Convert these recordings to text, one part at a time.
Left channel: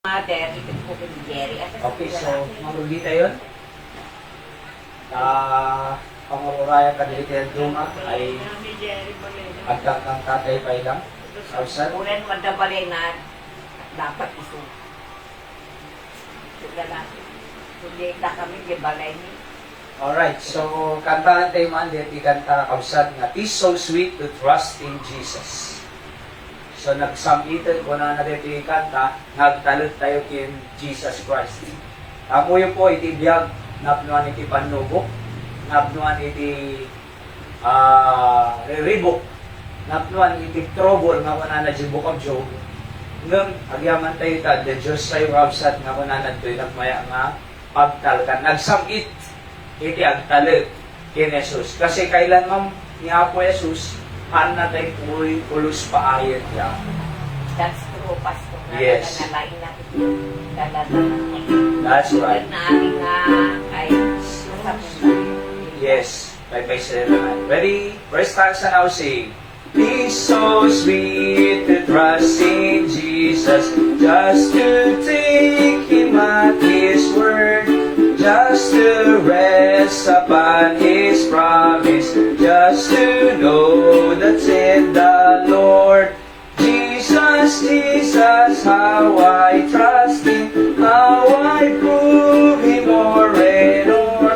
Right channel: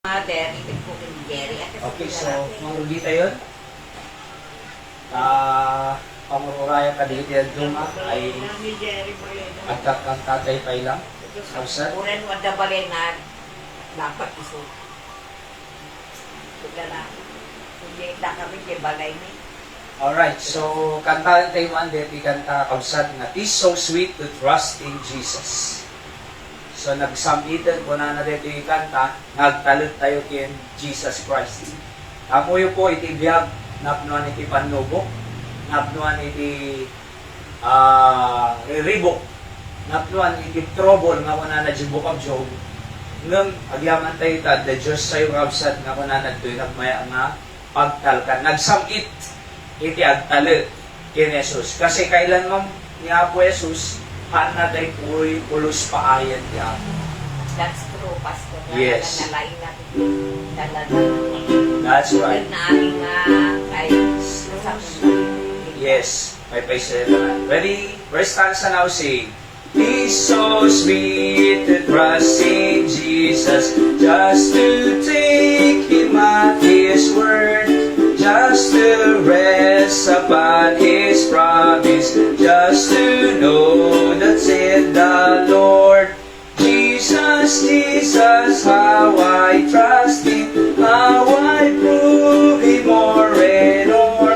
Mother, ito po kay Jerry. At Okay, so, marugi tayo. Pangururaya ka dito yung Duma ay agkat ng tatay kay lang. Outside. Unan madabalay na dapat iso. Kaya na, hindi na kami di balay ni. Alright, so kanta tayo man dito ikanta outside na "Tis so sweet to trust in Jesus." So nagsamitan ko na dito yung kanta, nagtalot tayo kay Jesus Christ. Ako yun po itibiyag, napnuan iti panlubok, napnuan iti riribok, napnuan iti trouble nga kuna na dyan book of Job. Ngam, agyaman tayo ta, the Diyos tayo rabsat nga kuna na ito, nagmaya nga pagtalkan. Nagsamit iti agtalot kay Jesus. Kasi kailan mo ni Apo Jesus, na tayo ulos paayat yan. That's true, Pastor. Yes. Nalain natin yung talaga. That's right. Na aming kahit nasabi. Yes. May paisa na. Ready? First stanza now sing. It's so sweet to trust in Jesus, just to take Him at His word, just to rest upon His promise, just to know that said the Lord. Jesus, Jesus, how I trust Him, how I prove Him more and more.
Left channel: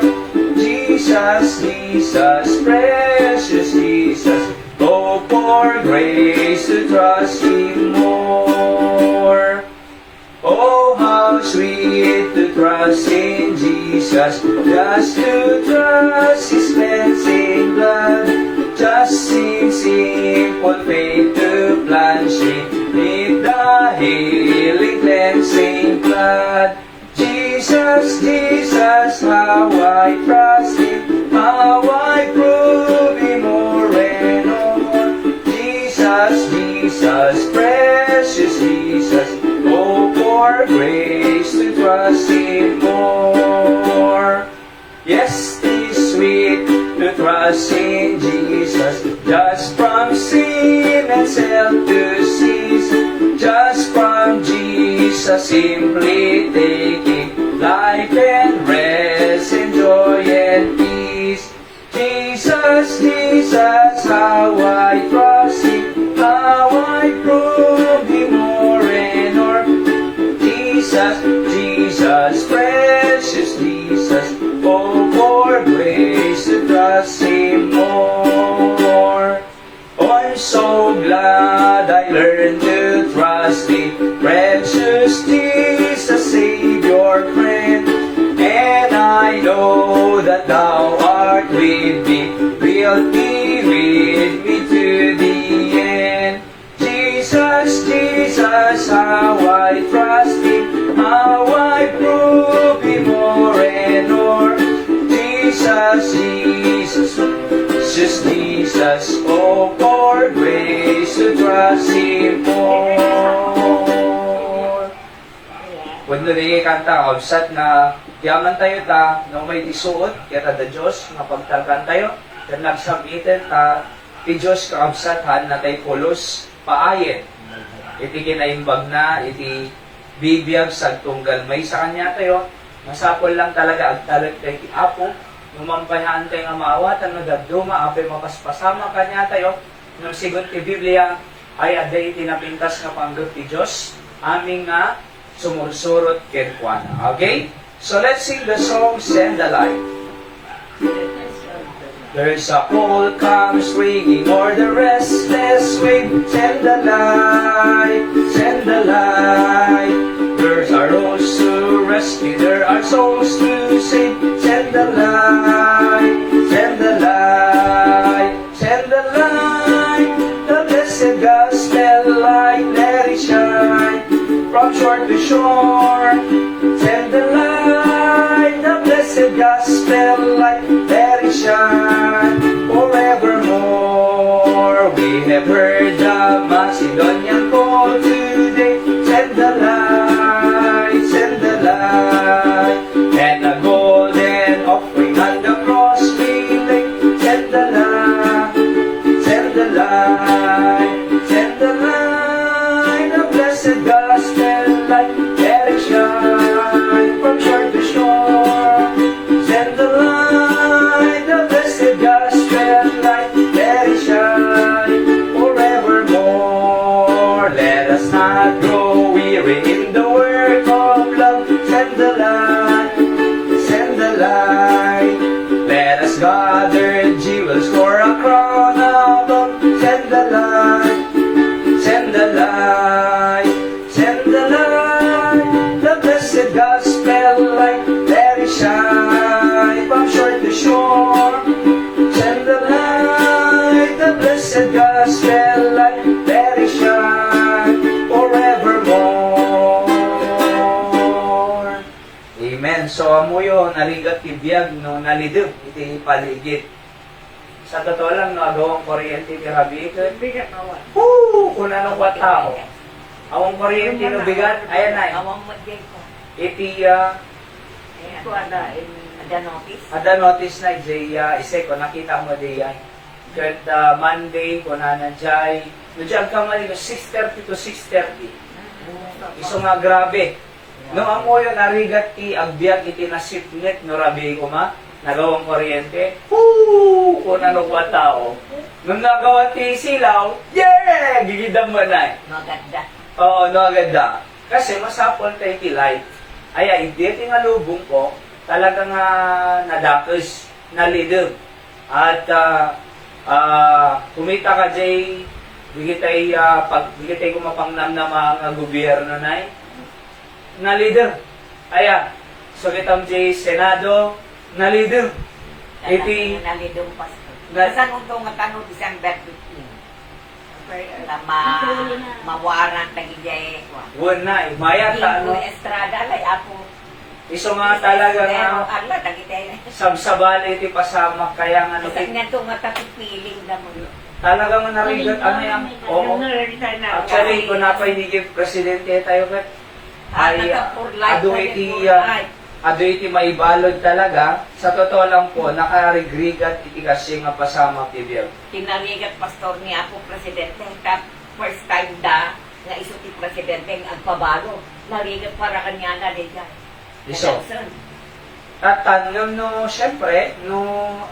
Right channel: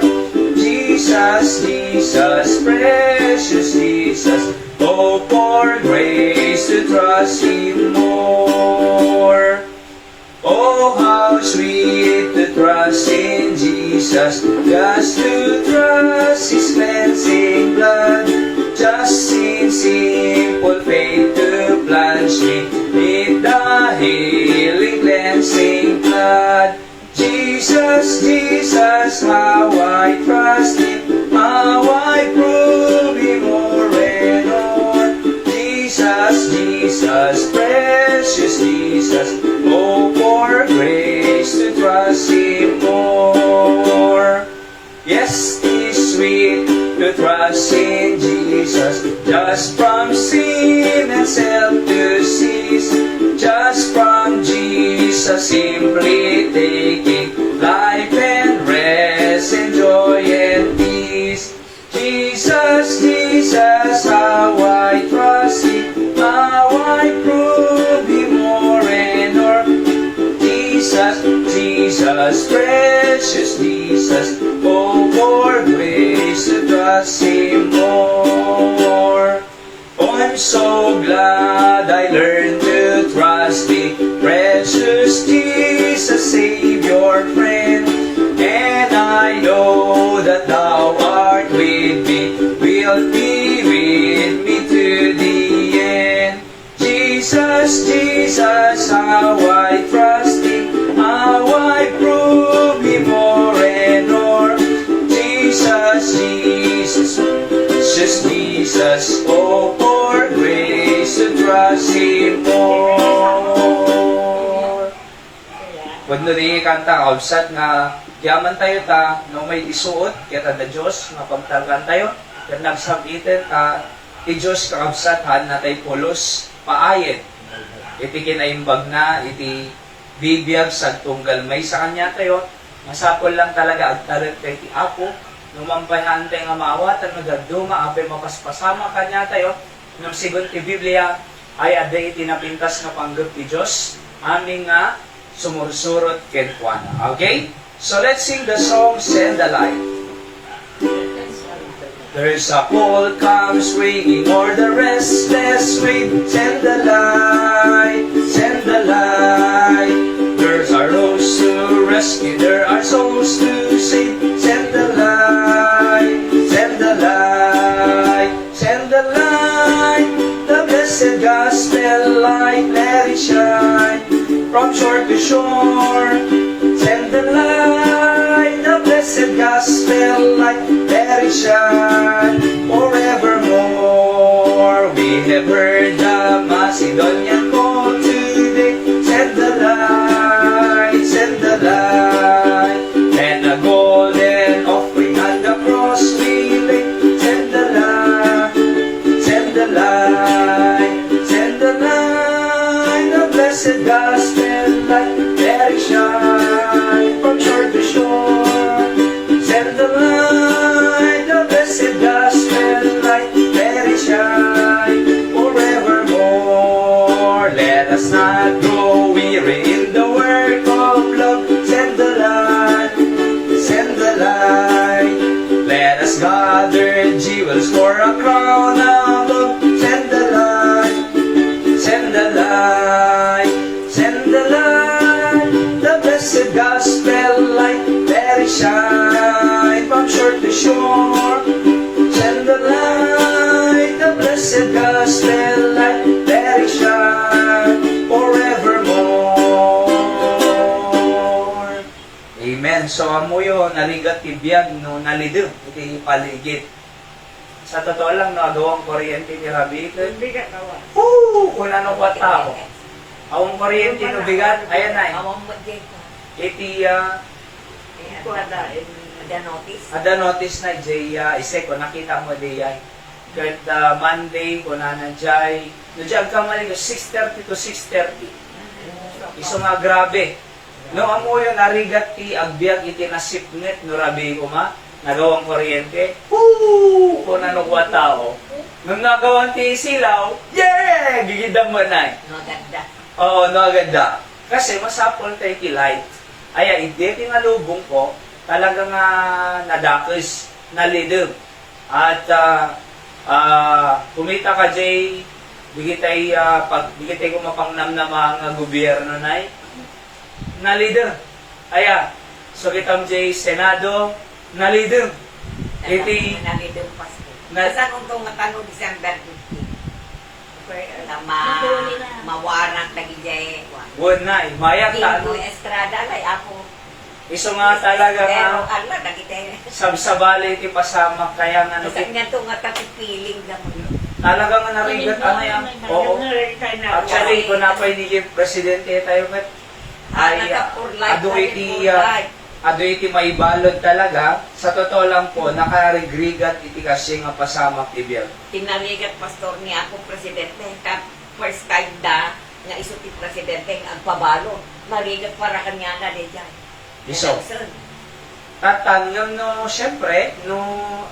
Jesus, Jesus, precious Jesus, oh, for grace to trust Him more. Oh, how sweet to trust in Jesus, just to trust His cleansing blood, just in simple faith to plunge in the healing cleansing blood. Jesus, Jesus, how I trust Him, how I prove Him more and more. Jesus, Jesus, precious Jesus, oh, for grace to trust Him more. Yes, it's sweet to trust in Jesus, just from sin and self to cease, just from Jesus simply taking life and rest and joy and peace. Jesus, Jesus, how I trust Him, how I prove Him more and more. Jesus, Jesus, precious Jesus, oh, for grace to trust Him more. Oh, I'm so glad I learned to trust Thee, precious Jesus, Savior, friend. And I know that Thou art with me, wilt be with me to the end. Jesus, Jesus, how I trust Him, how I prove Him more and more. Jesus, Jesus, Jesus, Jesus, oh, for grace to trust Him more. Kung nari kanta, obsat nga, kiyaman tayo ta, no may isuot, kaya da Diyos, nga pagtagan tayo, then nagsabitin ta, ti Diyos ka obsathan na tayo pulos, paayin. Iti kinaimbag na, iti bibiyag sa tunggal may sa kanya tayo, masapol lang talaga agtalit tayo ti Apo, numampahan tayo nga maawatan, nagaduma, abe mapaspasama kanya tayo, nang sigot ti Biblia, ay aday tinapintas na panggot ti Diyos, aming nga sumursurot kenkwana. Okay? So let's sing the song, Send the Light. There's a cold calm swinging o'er the restless wind. Send the light, send the light. There's a rose to rescue, there are songs to sing. Send the light, send the light, send the light. The blessed gospel light, let it shine from shore to shore. Send the light, the blessed gospel light, let it shine forevermore. We have heard the Macedonian call today. Send the light, send the light, and a golden offering at the cross we lay. Send the light, send the light, send the light, the blessed gospel light. Ayan, so amuyo narigat tibiyag no nalidib iti paligid. Sa totoo lang nagawang kuryente ti Rabi ko. Bigat na wa. Kung ano kwa tao. Awang kuryente no bigat, ayan ay. Awang mo, Jay ko. Iti Ayan. Ito ada. Ada notice. ada notice na jay ise ko nakita mo di yan. Kahit Monday ko na nandiyan. Nandiyan ka mali 6:30 to 6:30. Iso nga grabe. No amoy narigat ti agbyag iti nasipnet no Rabi ko ma. Nagawang kuryente. Kung ano kwa tao. Nung nagawan ti silaw, yeah! Gigidam mo na eh. No, ganda. Oo, no, agad. Kasi masapol tayo kilay. Aya, hindi nga lubong ko, talagang nadakis, nalidog. At kumita ka, Jay, bigitay ko mapangnam na mga gobyerno na nalidog. Aya, so kitam, Jay, Senado, nalidog. Iti, Nalidong pasto. Na- Saan untong matano December 15? Mawaran tagi jay. won na eh. Maya, Tingo talo. Estrada lay ako. Iso nga talaga Pero na, Allah dagi jay. sabsabali ti pasamak, kaya nga Kasi nga to nga feeling na mo yun. talaga nga narigat, ano yan? Oo. Actually, kung napay ni Presidente tayo, kat, ay, For life. adoy iti maibalod talaga. Sa totoo lang po, nakarigrigat iti kasi nga pasamak ti Biel. Tinaligat pastor ni ako presidente. Kap first time da nga iso ti presidente nga agpabalo. Narigat para kanya na di dyan. Iso. At tanong no, syempre, no,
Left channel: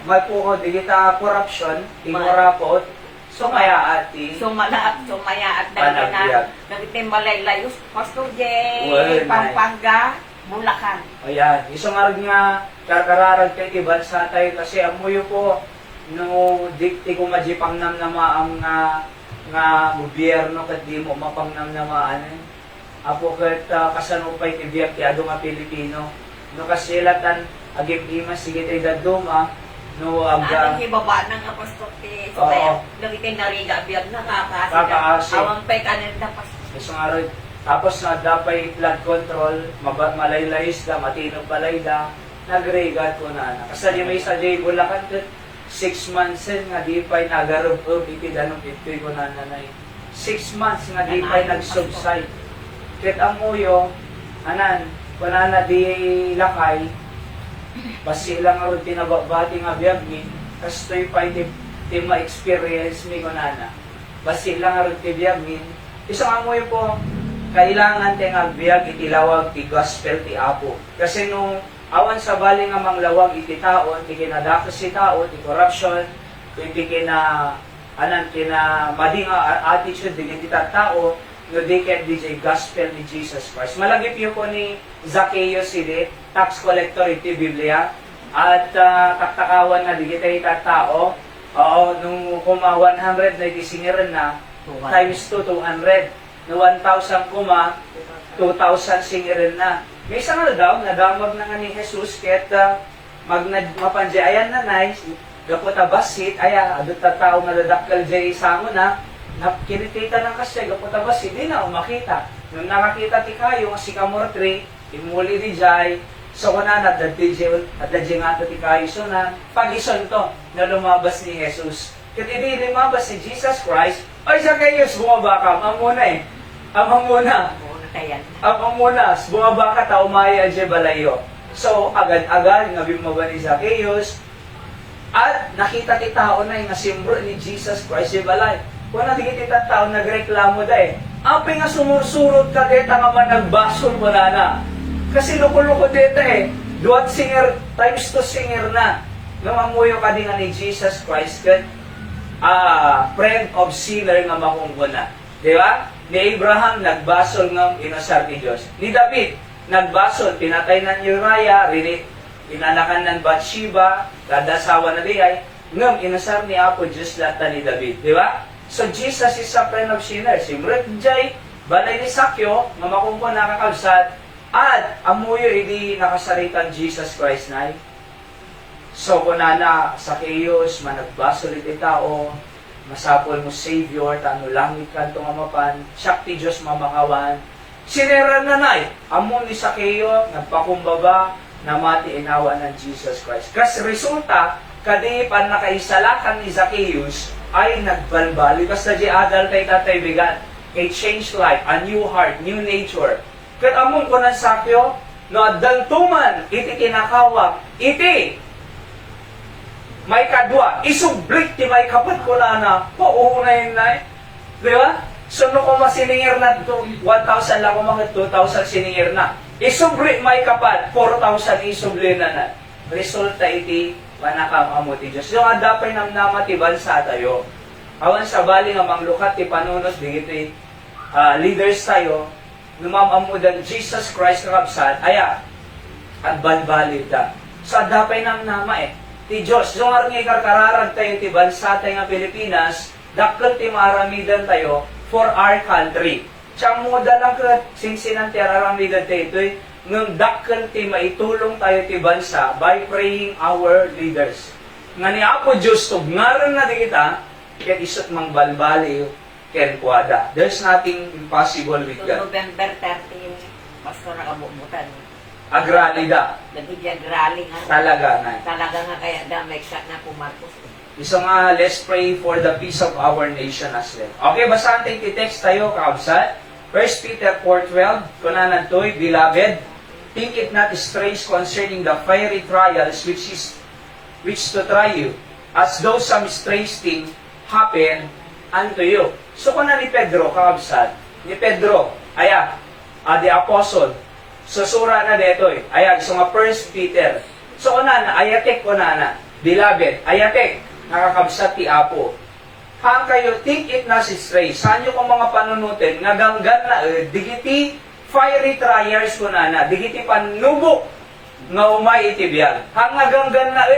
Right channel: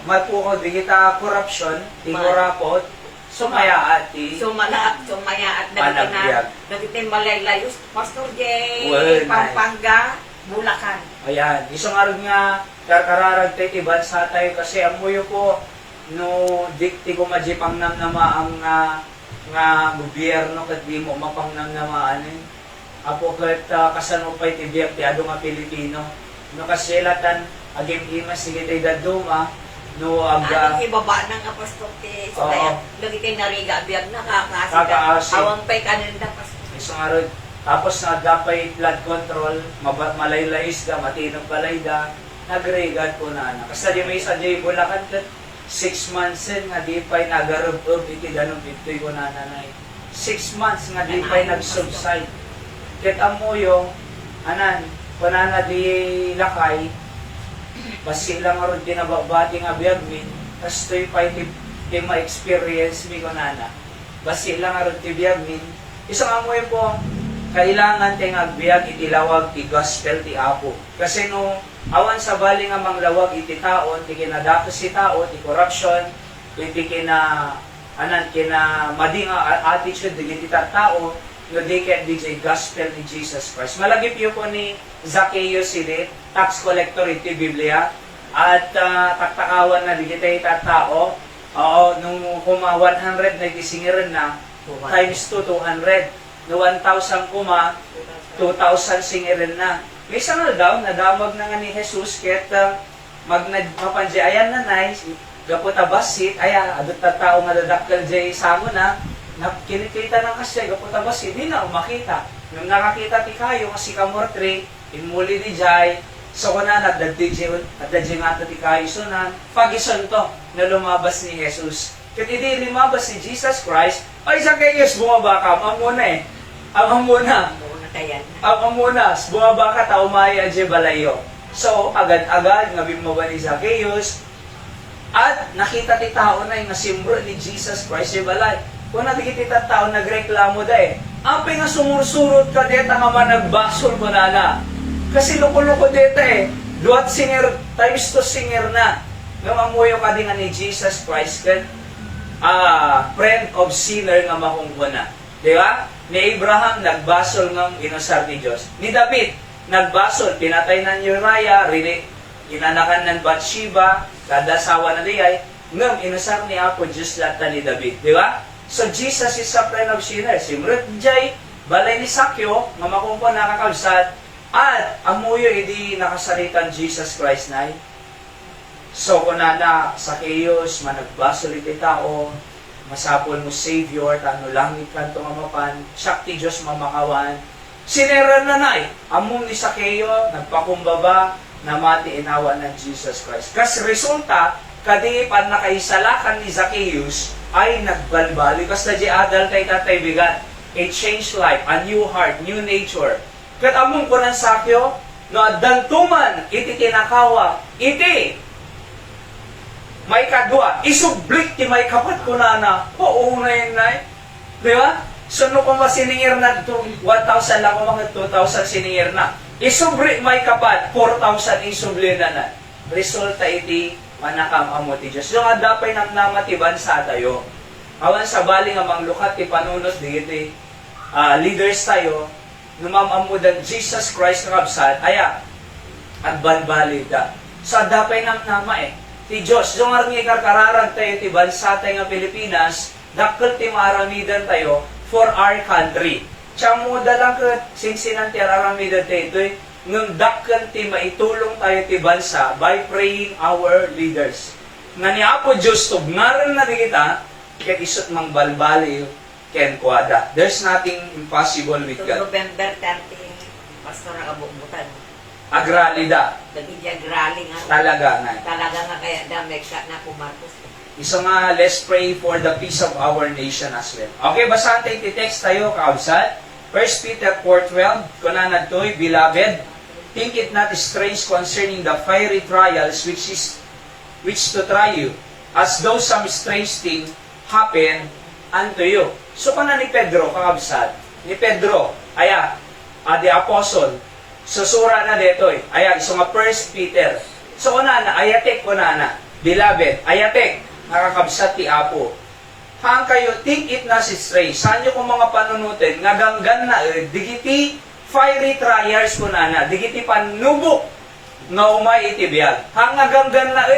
malpuko di kita corruption, ti korapot, sumaya ati. Sumaya at Tanagbiag. nagtitim malaylayos. Pastor Jay, Well, Pampanga, Bulacan. Ayan, isang arag nga kakararag tayo ti bansa tayo kasi amuyo po no dikti ko majipang nang namaang nga gobyerno kat di mo mapang nang namaanin. Apo kat kasanupay ti biyak ti ado nga Pilipino. No kasilatan agim ima sige tayo daduma no Ano aga ibaba na nga pastor ti Oo. Isabel. Lagi nariga biyag na kakasida. Kakaasi. Awang pa'y kanin na pastor. isang arag tapos nagdapay flood control, malaylayis da, matinong balay da, nagregat ko na. Kasi di may sa Jay Bulacan, 6 months nga di pa'y nagarub-rub, iti danong 50 ko na nanay. 6 months nga di pa'y nag-subside. Kit ang muyong, anan, kunana di lakay, basi lang nga rin tinababati nga biyag mi, tas to'y pa'y di ma-experience mi kunana. Basi lang nga rin ti biyag mi. Isang amoy po, kailangan tayong agbiag itilawag ti gospel ti Apo. Kasi no, awan sa bali nga manglawag iti taon, ti kinadakos si tao, ti corruption, ti kina, mading attitude, di kita tao, no di kaya di gospel ni Jesus Christ. Malagip yun po ni Zacchaeus sili, tax collector iti Biblia, at taktakawan na di kita tao, nung kuma 100 na itingirin na, times 2, 200. No 1,000 kuma, 2,000 singirin na. May isang nadamag na nga ni Jesus, kahit mapanji, ayan na nice, gaputa basit, adot na tao nga dadakkel jay samo na, kinikita ng kasya, gaputa basit, di na makita. Nung nakakita ti kayo, si Kamor 3, imuli di jay, so kuna nadaddi nga ti kayo, so na, pag-ison to, na lumabas ni Jesus. Kaya hindi lumabas ni Jesus Christ, ay Zacchaeus, bumaba ka, amang muna. Muna tayan. Amang muna, bumaba ka, taumaya dyan balayo. So, agad-agad, nabimaba ni Zacchaeus, at nakita ti tao na yung nasimbol ni Jesus Christ yung balay. Kung nakikita tao, nagreklamo da Ampi nga sumursurot ka deta nga man nagbasol mo na. Kasi luko-luko deta duwat singer, times 2 singer na. Nung amuyo ka din nga ni Jesus Christ, friend of sinner nga makungkuna. Di ba? Ni Abraham, nagbasol ng inasar ni Diyos. Ni David, nagbasol, pinatay ng Uriah, inanakan ng Bathsheba, kadasawa na diyay, ngam, inasar ni Apo Diyos lata ni David. Di ba? So, Jesus is a friend of sinners. Simret jay, balay ni Sakyo, nga makungkuna nakakabsat, at amuyo hindi nakasaritan Jesus Christ na So, kung nana, Zacchaeus, managbasol iti tao, masapol mo Savior, tano langit kanto mamapan, syakti Diyos mamakawan, sinera na amon ni Zacchaeus, nagpakumbaba, na mati inawa ng Jesus Christ. Kas resulta, kadi pan nakaisalakan ni Zacchaeus ay nagbalbali. Basta di agal kay tatay bigat. A changed life, a new heart, new nature. Kat among kunan sakyo, no addantuman, iti tinakawa, iti may kadwa, isublik ti may kapat ko na na, paunay na, di ba? So, no ko masiningir na 1,000 lang ko mga 2,000 siningir na. Isublik may kapat, 4,000 isubli na na. Resulta iti, manakam amo ti Diyos. So, nga dapay nam namatiban sa tayo. Awan sa bali nga manglukat ti panunot, digiti, leaders tayo, numamamudan Jesus Christ kakabsat, aya, at balbali ka. So, dapay nam nama ti Diyos, yung arang ikarkararag tayo ti bansa tayo nga Pilipinas, dakkel ti maaramidan tayo for our country. Tsang mo dalang singsinan ti aramidan tayo ito, nung dakkel ti maitulong tayo ti bansa by praying our leaders. Nga ni Apo Diyos to, ngaran nga kita, kaya isot mang balbali, ken kwada. There's nothing impossible with So, God. November 30, pastor nakabubutan. Agralida, Nagiging rally nga. talaga na. Talaga nga kaya damay ka na po Marcos. Isa nga, let's pray for the peace of our nation as well. Okay, basahan tayo ti-text tayo, kaabsat. 1 Peter 4:12, kunanan to'y, Beloved, think it not strange concerning the fiery trials which to try you, as though some strange thing happen unto you. So, kunan ni Pedro, kaabsat, ni Pedro, the apostle, susura na dito Ayan, so nga 1 Peter. So, na, ayatek ko na. Beloved, ayatek, nakakabsat ti Apo. Hang kayo, think it na si Stray. Saan nyo kung mga panunutin, naganggan na, digiti fiery trials ko na. Digiti panubok, nga umay itibiyag. Hang naganggan na,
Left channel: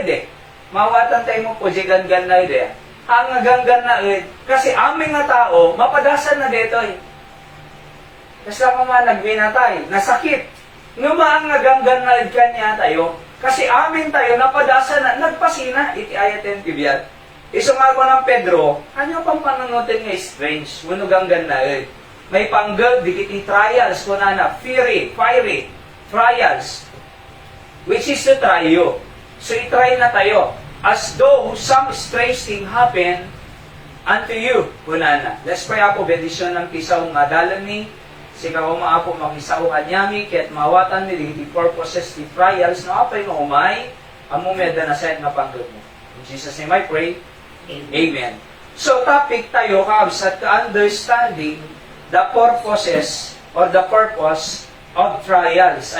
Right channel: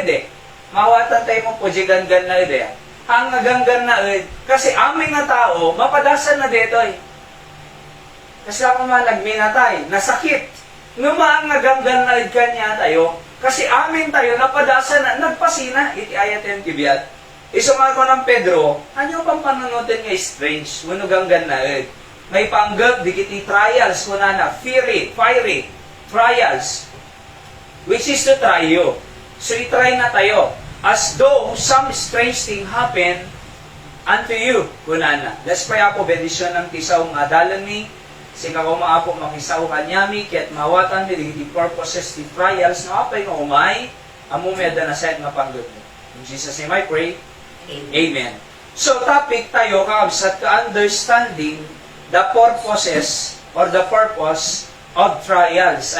mawatan tayo mo po, ganggan na, Hang naganggan na, kasi aming nga tao, mapadasan na dito Kasi ako man nagminatay, nasakit. Numaang naganggan na kanya tayo, kasi amin tayo napadasa na, nagpasina, iti ayaten kibiyat. Iso nga ko ng Pedro, kanyo pang panunutin nga strange, munuganggan na May panggag, digiti trials, kunana, fiery, trials, which is to try you. So, itry na tayo. As though some strange thing happen unto you, kunana. Let's pray ako, bendition ng kisaw nga dalan ni, sika ko maapo makisaw kanyami, ket mawatan mi di purposes, di trials, no apay nga umay, amumeda na sayad nga panggod mo. In Jesus' name I pray, Amen. So, topic tayo, kabsat, understanding the purposes or the purpose of trials.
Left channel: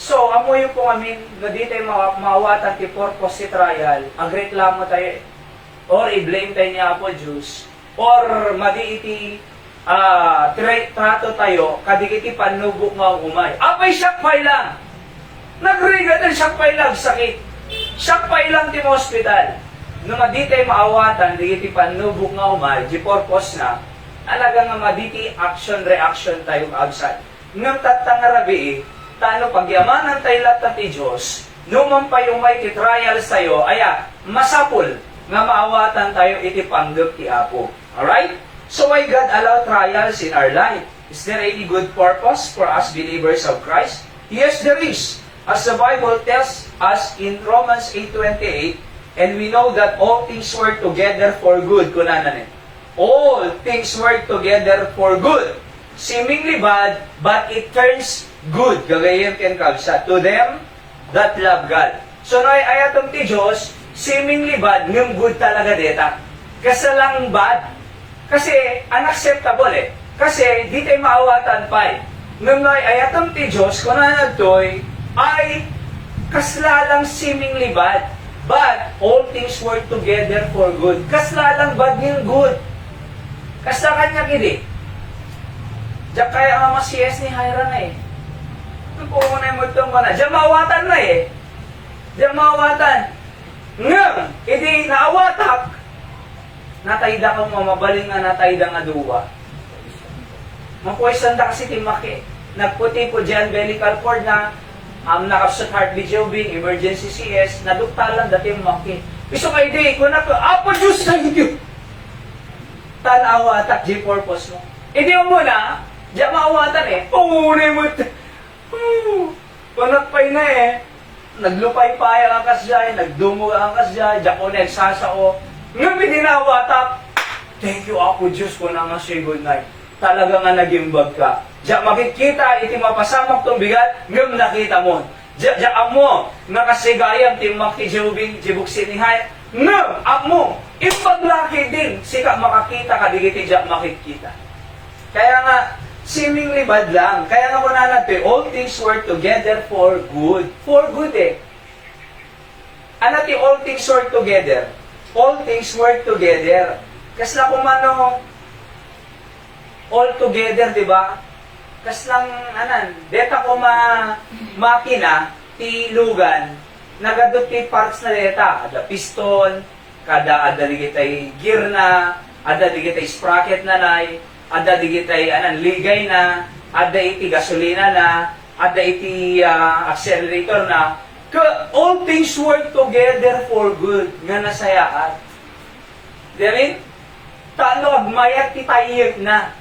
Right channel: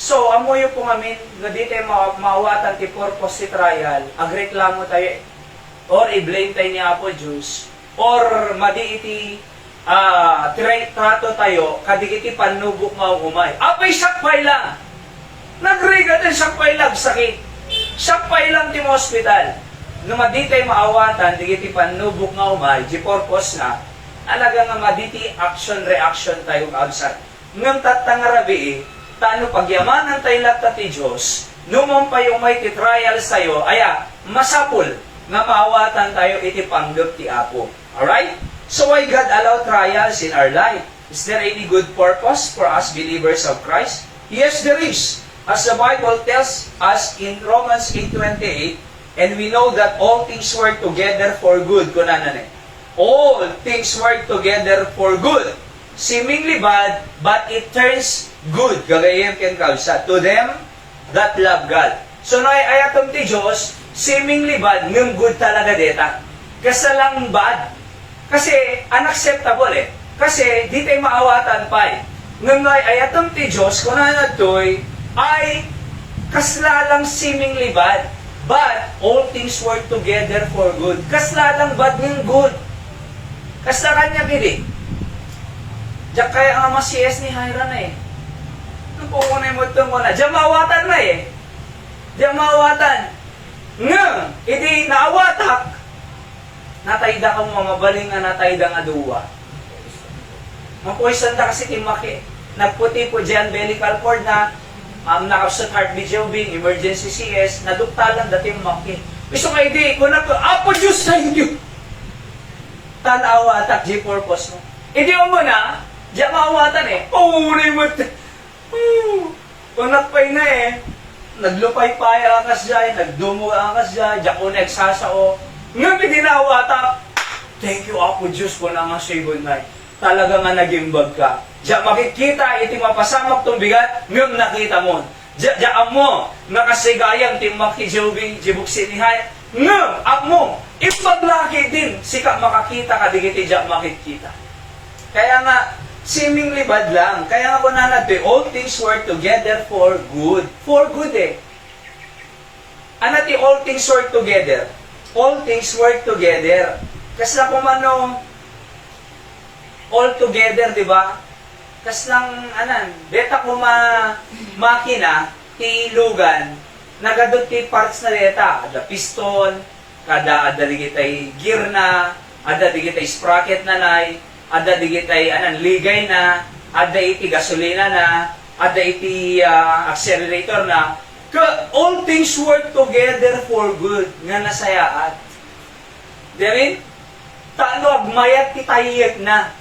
So, amoy po kami, di tayo mawatan ti purpose ti trial, agreklamo tayo, or i-blame tayo ni Apo Diyos, or madi iti trato tayo, kadigiti panubok nga umay. Apay sakpay lang. Nagrigat ang sakpay lang, sakit. Sakpay lang di mo hospital. Nung maditay maawatan, digiti panubok nga umay, di purpose na, alaga nga maditi action-reaction tayo outside. Nung tatangarabi, tano pagyamanan tayo lahat ti Diyos, numampay umay ti trials tayo, masapul, nga maawatan tayo iti panggap ti Apo. Alright? So why God allow trials in our life? Is there any good purpose for us believers of Christ? Yes, there is. As the Bible tells us in Romans 8:28, and we know that all things work together for good. Kunanan all things work together for good. Seemingly bad, but it turns good. Gagayin ken kalsa to them that love God. So no ayaton ti Diyos, seemingly bad, ngem good talaga deta. Kasalang bad. Kasi unacceptable Kasi di tayo maawatan pa Nung ayaton ti Diyos, kunanan to'y ay kaslalang seemingly bad. But all things work together for good. Kaslalang bad ng good. Kasla kanya kidi. Diyak kaya ang masiyes ni Haira na Nung pumunay mo itong mo na. Diyan maawatan na Diyan maawatan. Ngam, hindi naawatak. Natayda ko mo, mabaling nga natayda nga duwa. Nung poison da kasi timaki, nagputi po dyan, umbilical cord na, nakapsot heart video being, emergency CS, naduktalan dati maki. Gusto kayo di, kung Apo Diyos, thank you! Tanawa, tak di purpose mo. Hindi mo na, diyan maawatan pumunay mo. Pangakpay na naglupay-pay akas dyan, nagdumog akas dyan, dyan ko nagsasao. Ngayon pinawata, thank you ako Diyos ko na nga sigon na. Talaga nga nagimbag ka. Diyan makikita, iti mapasamak tong bigat, ngayon nakita mo. Diyan mo, nakasigayang timak ti jibuk sinihay, ngayon, mo, ipaglaki din, sika makakita ka, digiti diyan makikita. Kaya nga, siming libad lang. Kaya nga po nanagpi, all things work together for good. For good eh. Ano ti all things work together? All things work together. Kasi na kumano, all together, di ba? Kasi lang, deta ko makina, ti lugan, nagadot ti parts na deta. Ada piston, kada ada digitay gear na, ada digitay sprocket na nay, ada digitay ligay na, ada iti gasolina na, ada iti accelerator na. All things work together for good nga nasayaan. Diyan, tano agmayat ti tayek na.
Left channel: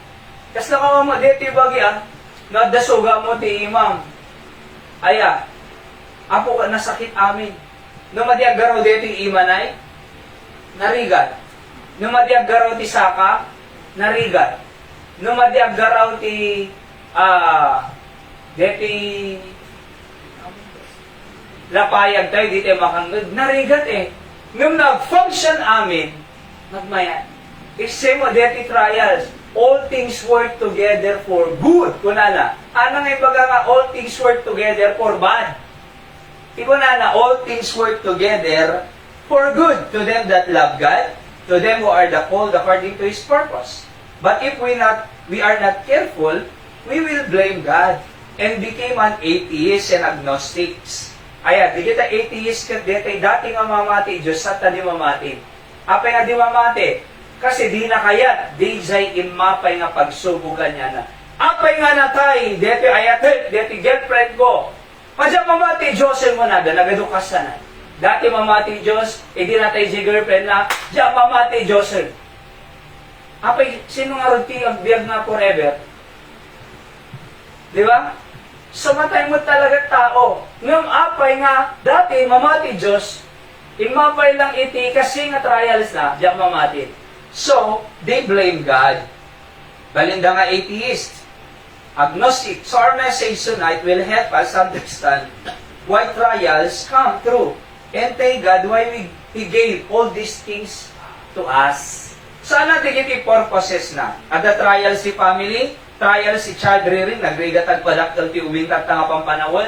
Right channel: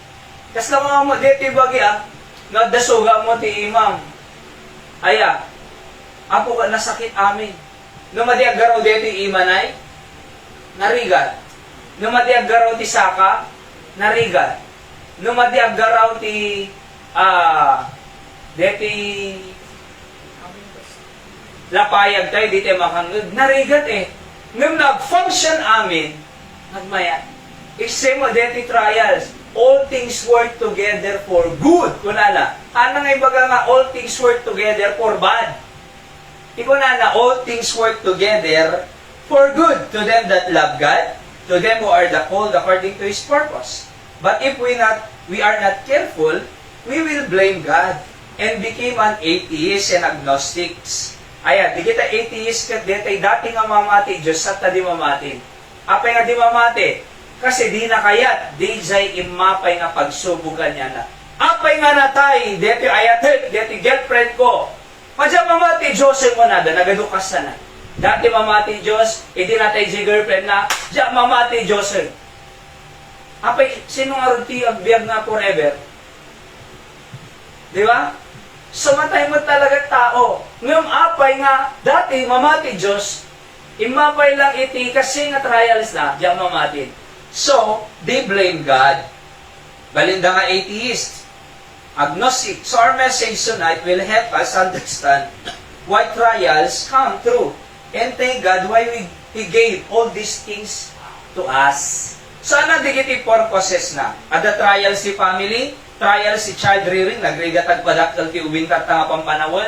Kas na mga madeti bagya, nagdasuga mo ti imam. Aya, apo ka nasakit amin. Numadi agaraw deti imanay, narigat. Numadi agaraw ti saka, narigat. Numadi agaraw ti deti lapayag tayo, di tayo makangod. Narigat eh. Nung nag-function amin, nagmaya. If mo deti trials, all things work together for good. Kunana, anang ibaga nga all things work together for bad. Ikunana, all things work together for good to them that love God, to them who are the called according to His purpose. But if we are not careful, we will blame God and became an atheist and agnostics. Ayan, di kita atheist kat dati nga mamati, Diyos at di mamati. Apay nga di mamati, kasi di na kayat, di jay imapay nga pagsubugan niya na. Apay nga natay, dati ayat, dati girlfriend ko. Padya mamati, Diyos mo na, nagadukas na. Dati mamati Diyos, hindi natay di girlfriend na, diya mamati Diyos. Apay, sino nga ruti ang biyag na forever? Di ba? Sumatay mo talaga tao. Ngam apay nga, dati mamati Diyos, imapay lang iti kasi nga trials na, diyan mamati. So, they blame God. Balinda nga atheist, agnostic. So our message tonight will help us understand why trials come through. And thank God why He gave all these things to us. So ano digiti purposes na? Ada trials si family, trial si child rearing, nagrigatag padaktal ti ubintat nga pampanawon,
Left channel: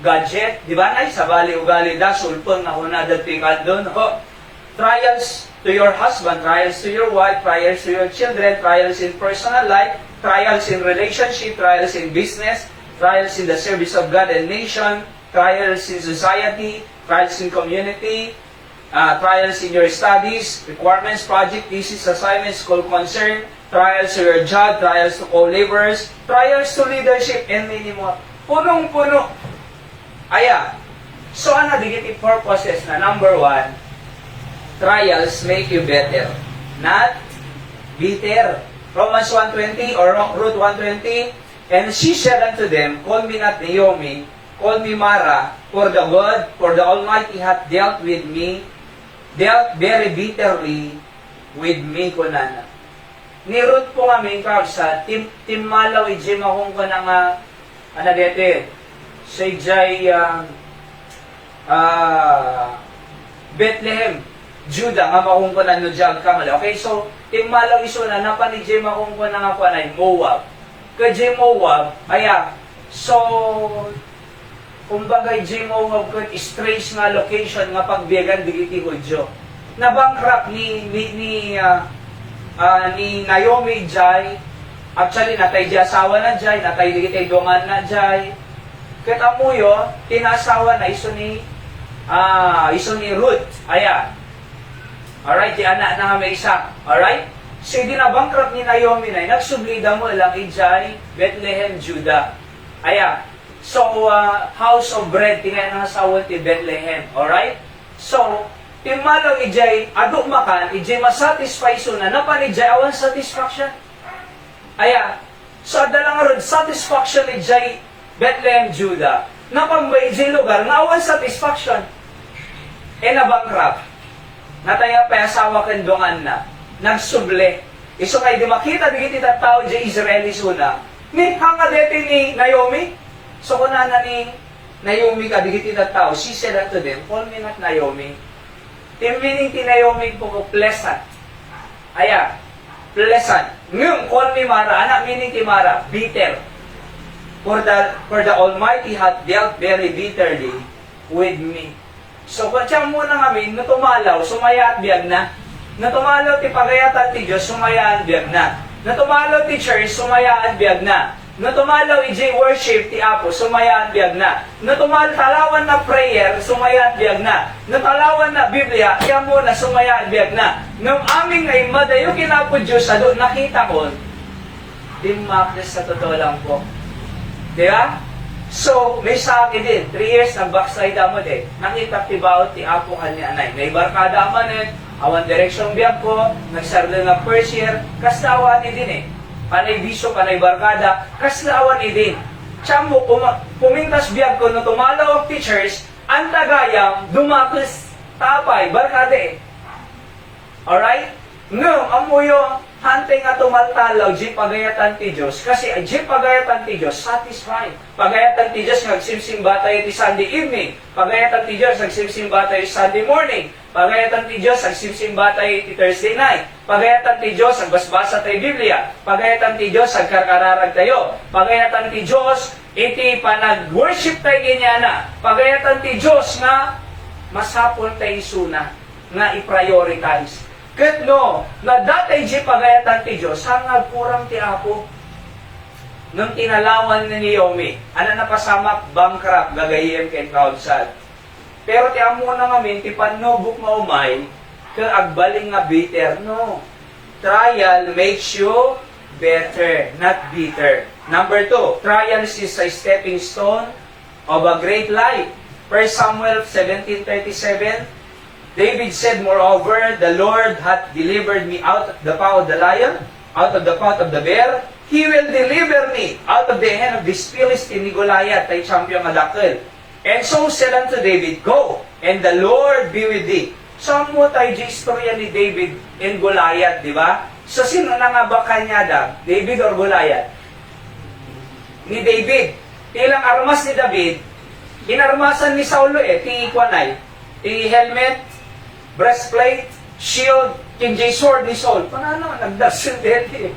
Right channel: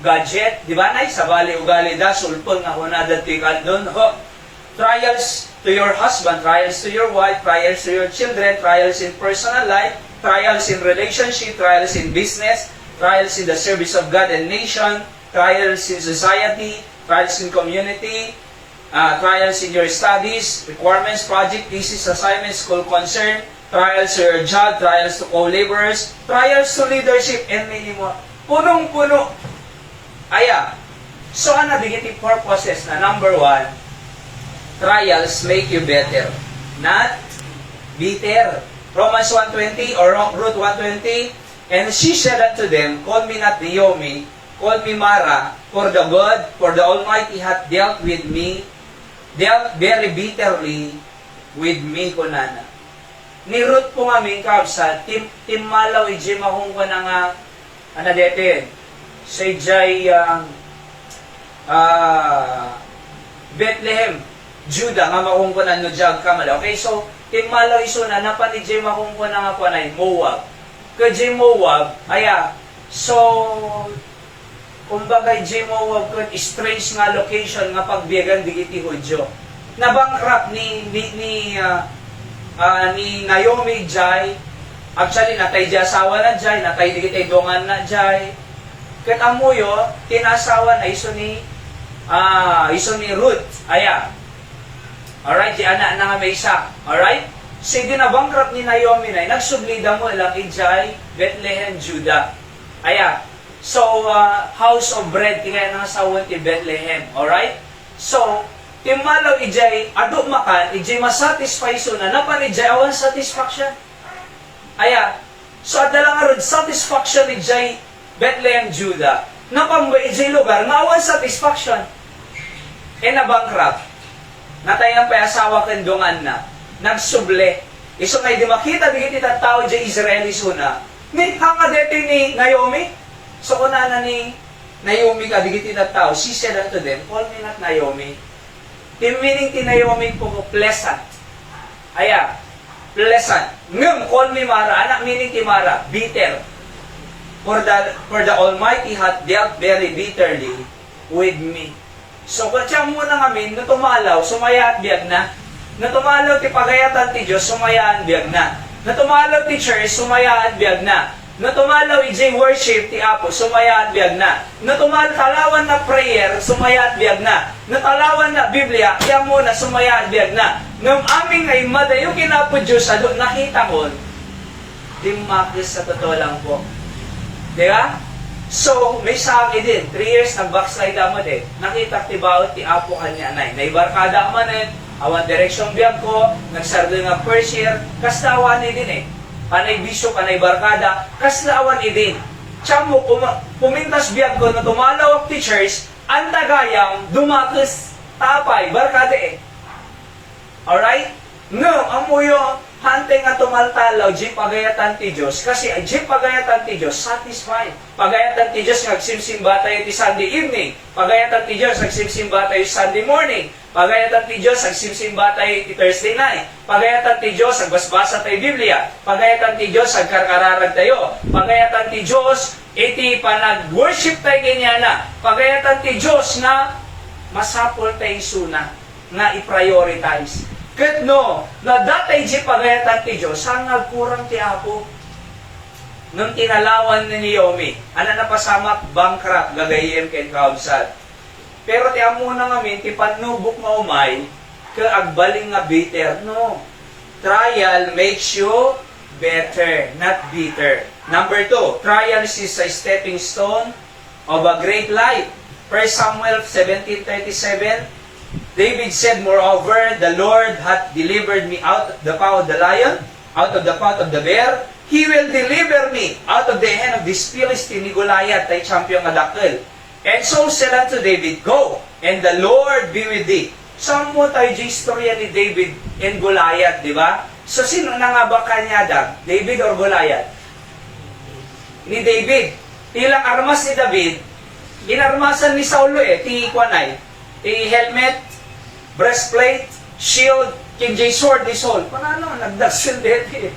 gadget, di ba nay, sabali ugali da, sulpon nga hunadad ti kandon, trials to your husband, trials to your wife, trials to your children, trials in personal life, trials in relationship, trials in business, trials in the service of God and nation, trials in society, trials in community, trials in your studies, requirements, project, thesis, assignments, school concern, trials to your job, trials to co-laborers, trials to leadership, and many more. Punong-puno. Aya. So, ano digiti purposes na? Number 1, trials make you better, not bitter. Romans 1:20 or Ruth 1:20, and she said unto them, call me not Naomi, call me Mara, for the God, for the Almighty hath dealt with me, dealt very bitterly with me, kunana. Ni Ruth po kami kabsa, timalaw ijim akong ka na nga, dete, sa ijay Bethlehem, Judah, nga makong ka na no jag kamala. Okay, so, timalaw iso na, napanijim akong ka na nga pa na Moab. Kajim Moab, aya, so, kumbaga Jim Moab ko, strange nga location nga pagbiyagan digiti Hudyo. Nabangkrap ni Naomi Jai, actually natay di asawa na Jai, natay digitay dongan na Jai. Ket amuyo, tinasawa na iso ni Ruth. Aya. Alright, di anak na may isa. Alright? So, di nabangkrap ni Naomi na, nagsublida mo lang Jai, Bethlehem, Judah. Aya. So, house of bread, tinayang asawa ti Bethlehem. Alright? So, timalaw ijay, ado makan, ijay masatisfy so na, napan ijay awan satisfaction. Aya, so adalang arod, satisfaction ijay Bethlehem, Judah. Napamway di lugar, nga awan satisfaction. E na bankrupt. Natayang pa asawa kendungan na. Nagsuble. Iso kay di makita di kita tao di Israeli suna. Nit hanga deti ni Naomi. So kung na ni Naomi ka di kita tao, she said unto them, call me not Naomi. The meaning ti Naomi po pleasant. Aya, pleasant. Ngum, call me Mara. Anak meaning ti Mara, bitter. For the Almighty hath dealt very bitterly with me. So, katsa muna kami, natumalaw, sumaya at biyag na. Natumalaw ti pagayatan ti Diyos, sumaya at biyag na. Natumalaw ti church, sumaya at biyag na. Natumalaw ij worship ti Apo, sumaya at biyag na. Talawan na prayer, sumaya at biyag na. Natalawan na Biblia, kaya muna sumaya at biyag na. Nung aming ay madayo kinapo Diyos, ado nakita ko, di makis sa totoo lang po. Di ba? So, may sa akin din, 3 years nang backside mo din. Nakita ti bawat ti Apo kanya anay. Naibarkada mo din, awan direksyon biyag ko, nagsarli nga first year, kaslawan ni din eh. Panay bisyo, panay barkada, kaslawan ni din. Tsamo, pumintas biyag ko na tumalawag teachers, ang tagayang dumakis tapay, barkada eh. Alright? No, amuyo, hanteng nga tumaltalaw, di pagayatan ti Diyos. Kasi di pagayatan ti Diyos, satisfied. Pagayatan ti Diyos, nagsimsimba tayo ti Sunday evening. Pagayatan ti Diyos, nagsimsimba tayo Sunday morning. Pagayatan ti Diyos, nagsimsimba tayo ti Thursday night. Pagayatan ti Diyos, nagbasbasa tayo Biblia. Pagayatan ti Diyos, nagkarkararag tayo. Pagayatan ti Diyos, iti panag-worship tayo ginyana. Pagayatan ti Diyos na masapol tayo suna, nga i-prioritize. Ket no, na datay di pagayatan ti Diyos, ang nagkurang ti Apo. Nung tinalawan ni Naomi, ana na pasamak bankrupt, gagayen ken kaudsad. Pero ti amo na ngamin, ti panubok nga umay, ke agbaling nga bitter. No, trial makes you better, not bitter. Number 2, trial is a stepping stone of a great life. 1 Samuel 17:37, David said, moreover, the Lord hath delivered me out of the paw of the lion, out of the paw of the bear. He will deliver me out of the hand of this Philistine ni Goliath, tay champion nga dakkel. And so said unto David, go, and the Lord be with thee. Saan mo tayo di istorya ni David and Goliath, di ba? So, sino na nga ba kanyada? David or Goliath? Ni David. Ilang armas ni David, inarmasan ni Saulo ti kwanay, ti helmet, breastplate, shield, kinjay sword ni Saul. Panano, nagdasil deti.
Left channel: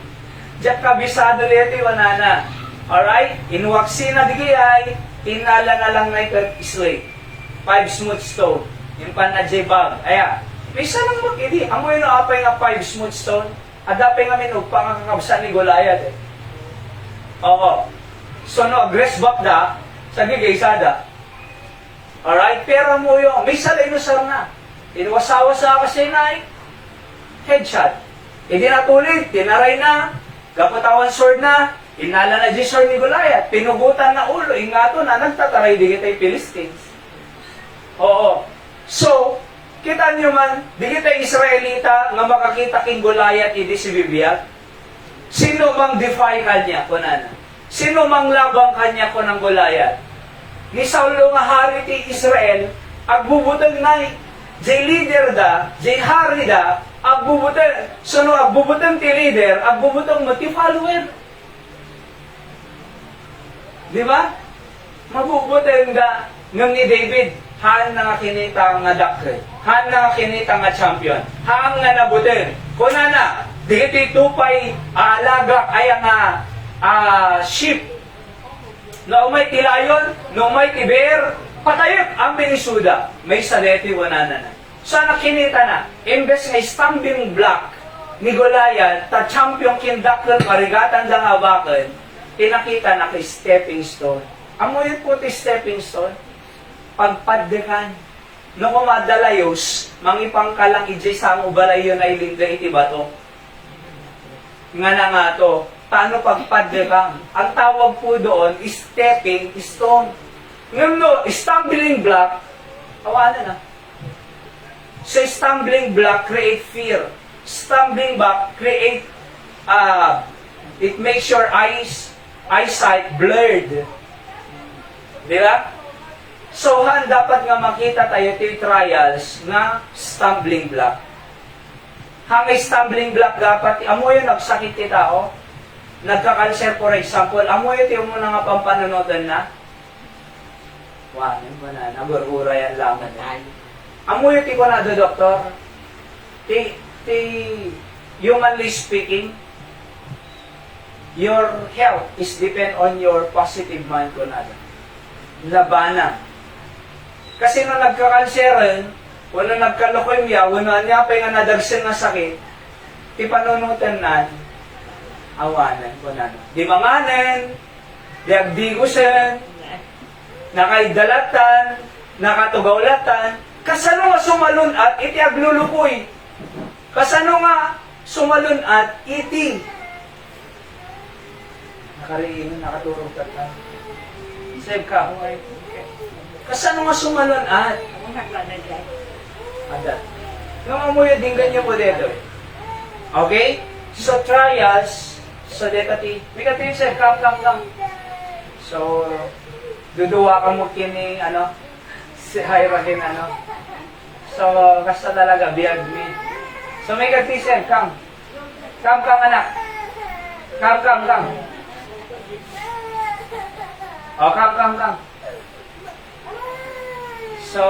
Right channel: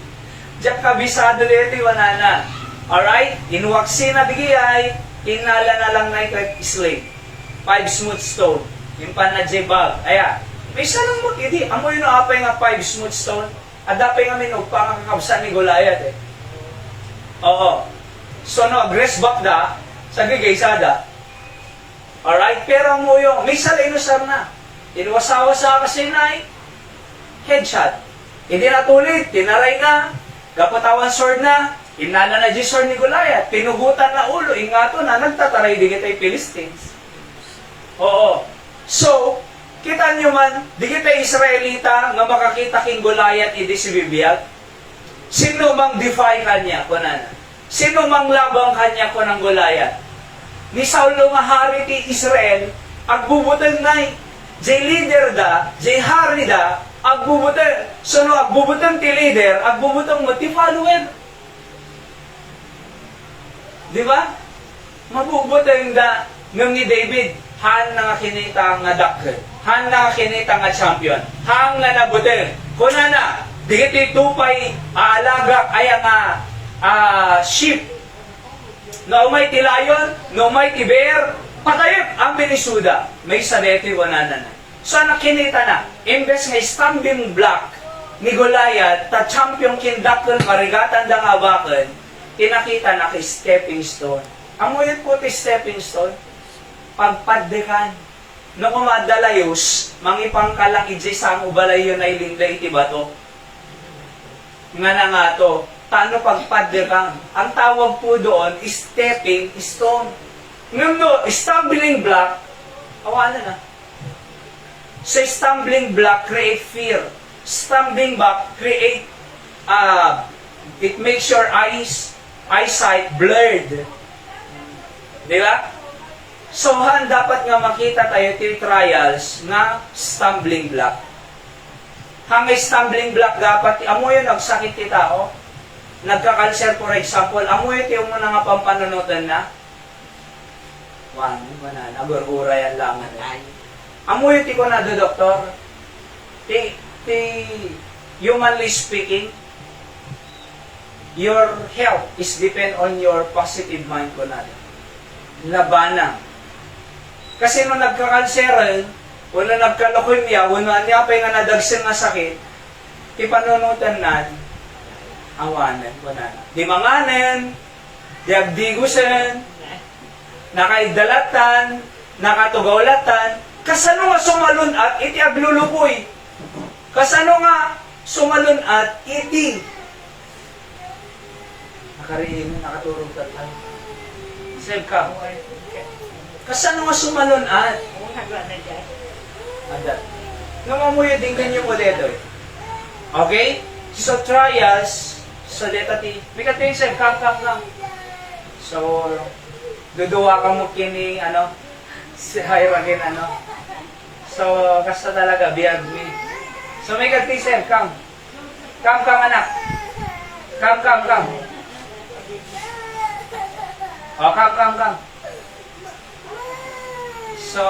Diyak kabisado deti, wanana. Alright? Inwaksi na digiyay, inala na lang na ito slave. 5 smooth stone. Yung panadje bag. Aya, may sarang mo, hindi. Amoy no apay nga 5 smooth stone. Adapay nga minug pa nga kakabsa ni Goliath eh. Oo. So no, grace back da, sa gigaysada. Alright? Pero mo yung, may salay no sar na. Inwasawa sa kasi na headshot. Hindi natuloy, tinaray na, kapatawan sword na, inala na di sword ni Goliath, pinugutan na ulo, ingato na, nagtataray din itay Philistines. Oo. So, kita nyo man, di kita Israelita nga makakita king Goliath idi si bibiyat. Sino bang defy kanya kunan? Sino mang labang kanya kunang Goliath? Ni Saulo nga hari ti Israel, agbubutan na jay leader da, jay hari da, agbubutan. So no, agbubutan ti leader, agbubutan mo ti follower. Di ba? Mabubutan da ng ni David, han na nga kinita nga dakkel, han na nga kinita nga champion, han nga nabutin. Kuna na, di iti tupay aalaga ay nga sheep. No may ti lion, no may ti bear, patayot ang binisuda, may sarete wanana na. So nakinita na, imbes nga stumbling block ni Goliath, ta champion kindakkel karigatan da nga baken, tinakita na kay stepping stone. Amo yun po ti stepping stone, pagpaddekan. No kumadalayos, mangipangkalang ijay sa ubalayo na ilingga iti bato. Nga na nga to, taano pagpaddekan? Ang tawag po doon is stepping stone. Ngayon no, stumbling block, awanan na. Sa stumbling block, create fear. Stumbling block, create, it makes your eyesight blurred. Di ba? So, han dapat nga makita tayo ti trials nga stumbling block. Hangay stumbling block dapat, amo yun nagsakit ti tao, nagka-cancer for example, amo yun ti mo na nga pampanunutan na, wala, nagurura yan lamang. Amo yun ti ko na do, doktor, ti humanly speaking, your health is depend on your positive mind ko na do. Labanan. Kasi nung nagka-cancer, wala nagka-leukemia, wala niya pa yung nadagsin na sakit, ipanunutan na, awanan ko na. Di manganan, di agdigusan, nakaidalatan, nakatugawlatan, kasano nga sumalun at iti aglulukoy. Kasano nga sumalun at iti. Nakariin, makaturog ka lang. Save ka, huwag. Kasano nga sumalun at? Agad. Nangamuya din ganyan mo dito. Okay? So, trials, sa data T. May kating sir, kam. So, duduwa ka mo kini, si Hyrakin, So, basta talaga, biyag me. So, may kating sir, kam. Kam, anak. Kam. O, kam. So,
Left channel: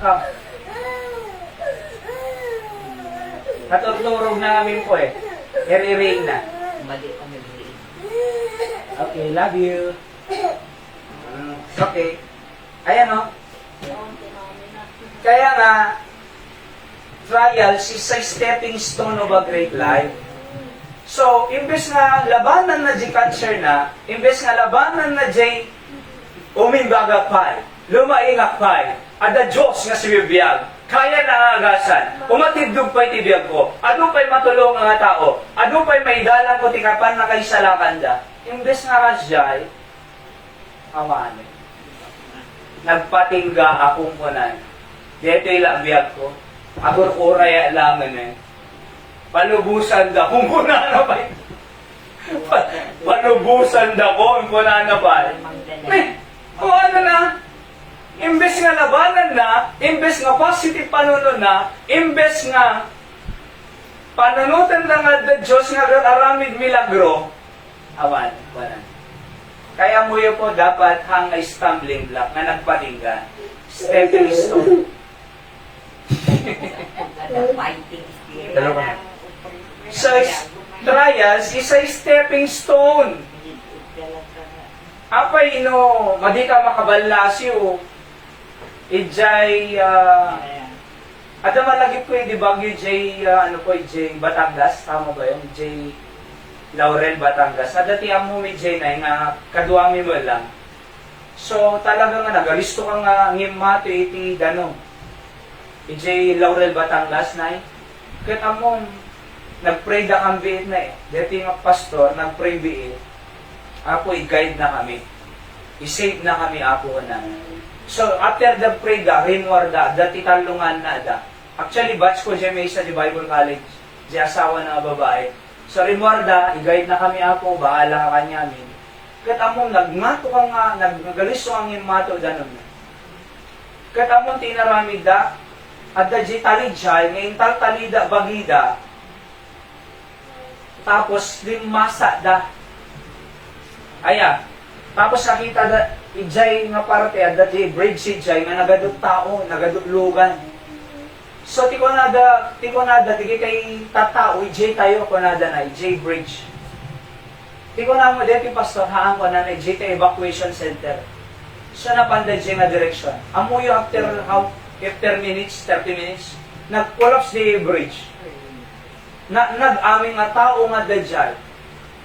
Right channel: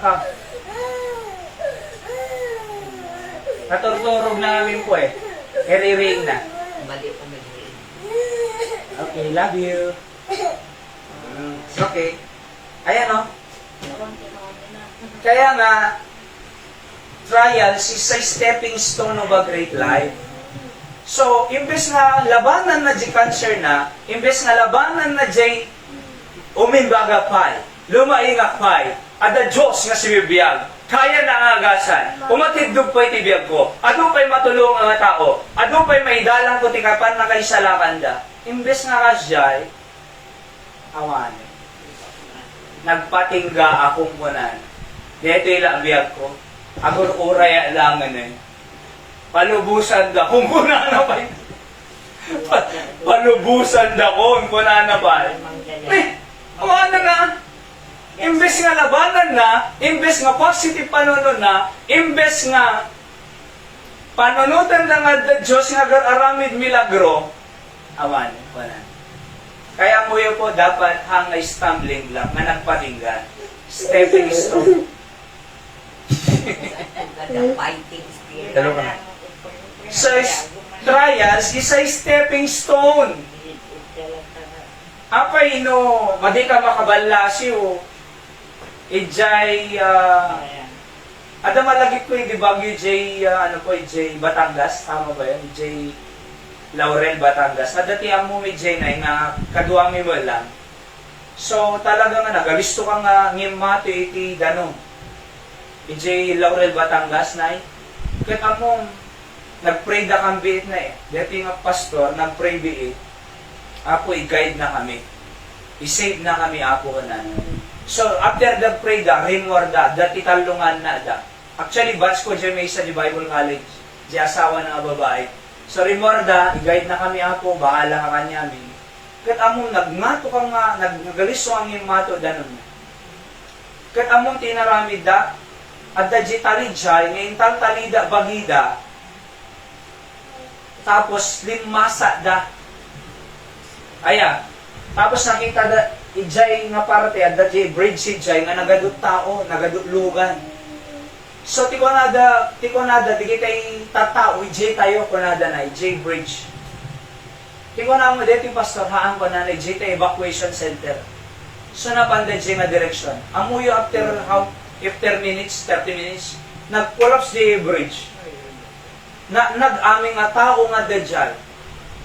kam. Natutulog na namin po eh. I-ring na. Mali pa may ring. Okay, love you. Okay. Ayan o. Kaya nga, trials is a stepping stone of a great life. So, imbes nga labanan na di cancer na, imbes nga labanan na di umimbaga pa'y, lumaingak pa'y, ada Diyos nga sibibiyag, kaya na agasan, umatibdog pa'y tibiyag ko, ado pa'y matulong ang tao, ado pa'y maigalang ko tikapan na kay salakan da. Imbes nga kasyay, awanin. Nagpatingga akong kunan. Dito yung biyag ko, agon uraya langan eh. Palubusan da kung kunana pa palubusan da kung kunana pa ano na imbes nga labanan na imbes nga positive panunod na imbes nga panunutan na nga da Diyos nga aramid milagro awan kaya mo yun po dapat hang ay stumbling block na nagpatinggan stepping stone The fighting spirit. So, trials is a stepping stone. Apay no, madi ka makabalasyo. Ijay, ada malagit ko yung dibagyo J, J Batangas, tama ba yun? J Laurel Batangas. Ada tiyang mo may J na nga, kaduami mo lang. So, talaga nga nagalisto ka nga ngimate iti danong. J Laurel Batangas na kita mong nag-pray na kami na eh. Dati nga pastor, nag-pray bi eh. Apo, i-guide na kami. I-save na kami, apo na. So, after the pray ga, rinwar da, dati talungan na da. Actually, batch ko dyan may isa di Bible College, di asawa ng babae. So, rinwar da, i-guide na kami, apo, bahala ka kanya amin. Kaya among nagmato ka nga, nagaliso ang imato da nun. Kaya among tinaramid da, at da di talijay, ngayon taltalida bagida, tapos limasa da. Ayan. Tapos nakita da, ijay nga parate, at da di bridge si ijay, nga nagadot tao, nagadot lugan. So, tiko nada, di kita'y tatao, ijay tayo, kunada na, ijay bridge. Tiko na mo, dito yung pastor, haan ko na, ijay tayo evacuation center. So, napanda ijay nga direksyon. Amo yung after minutes, 30 minutes, nag-collapse di bridge. Nag-aming nga tao nga dajay.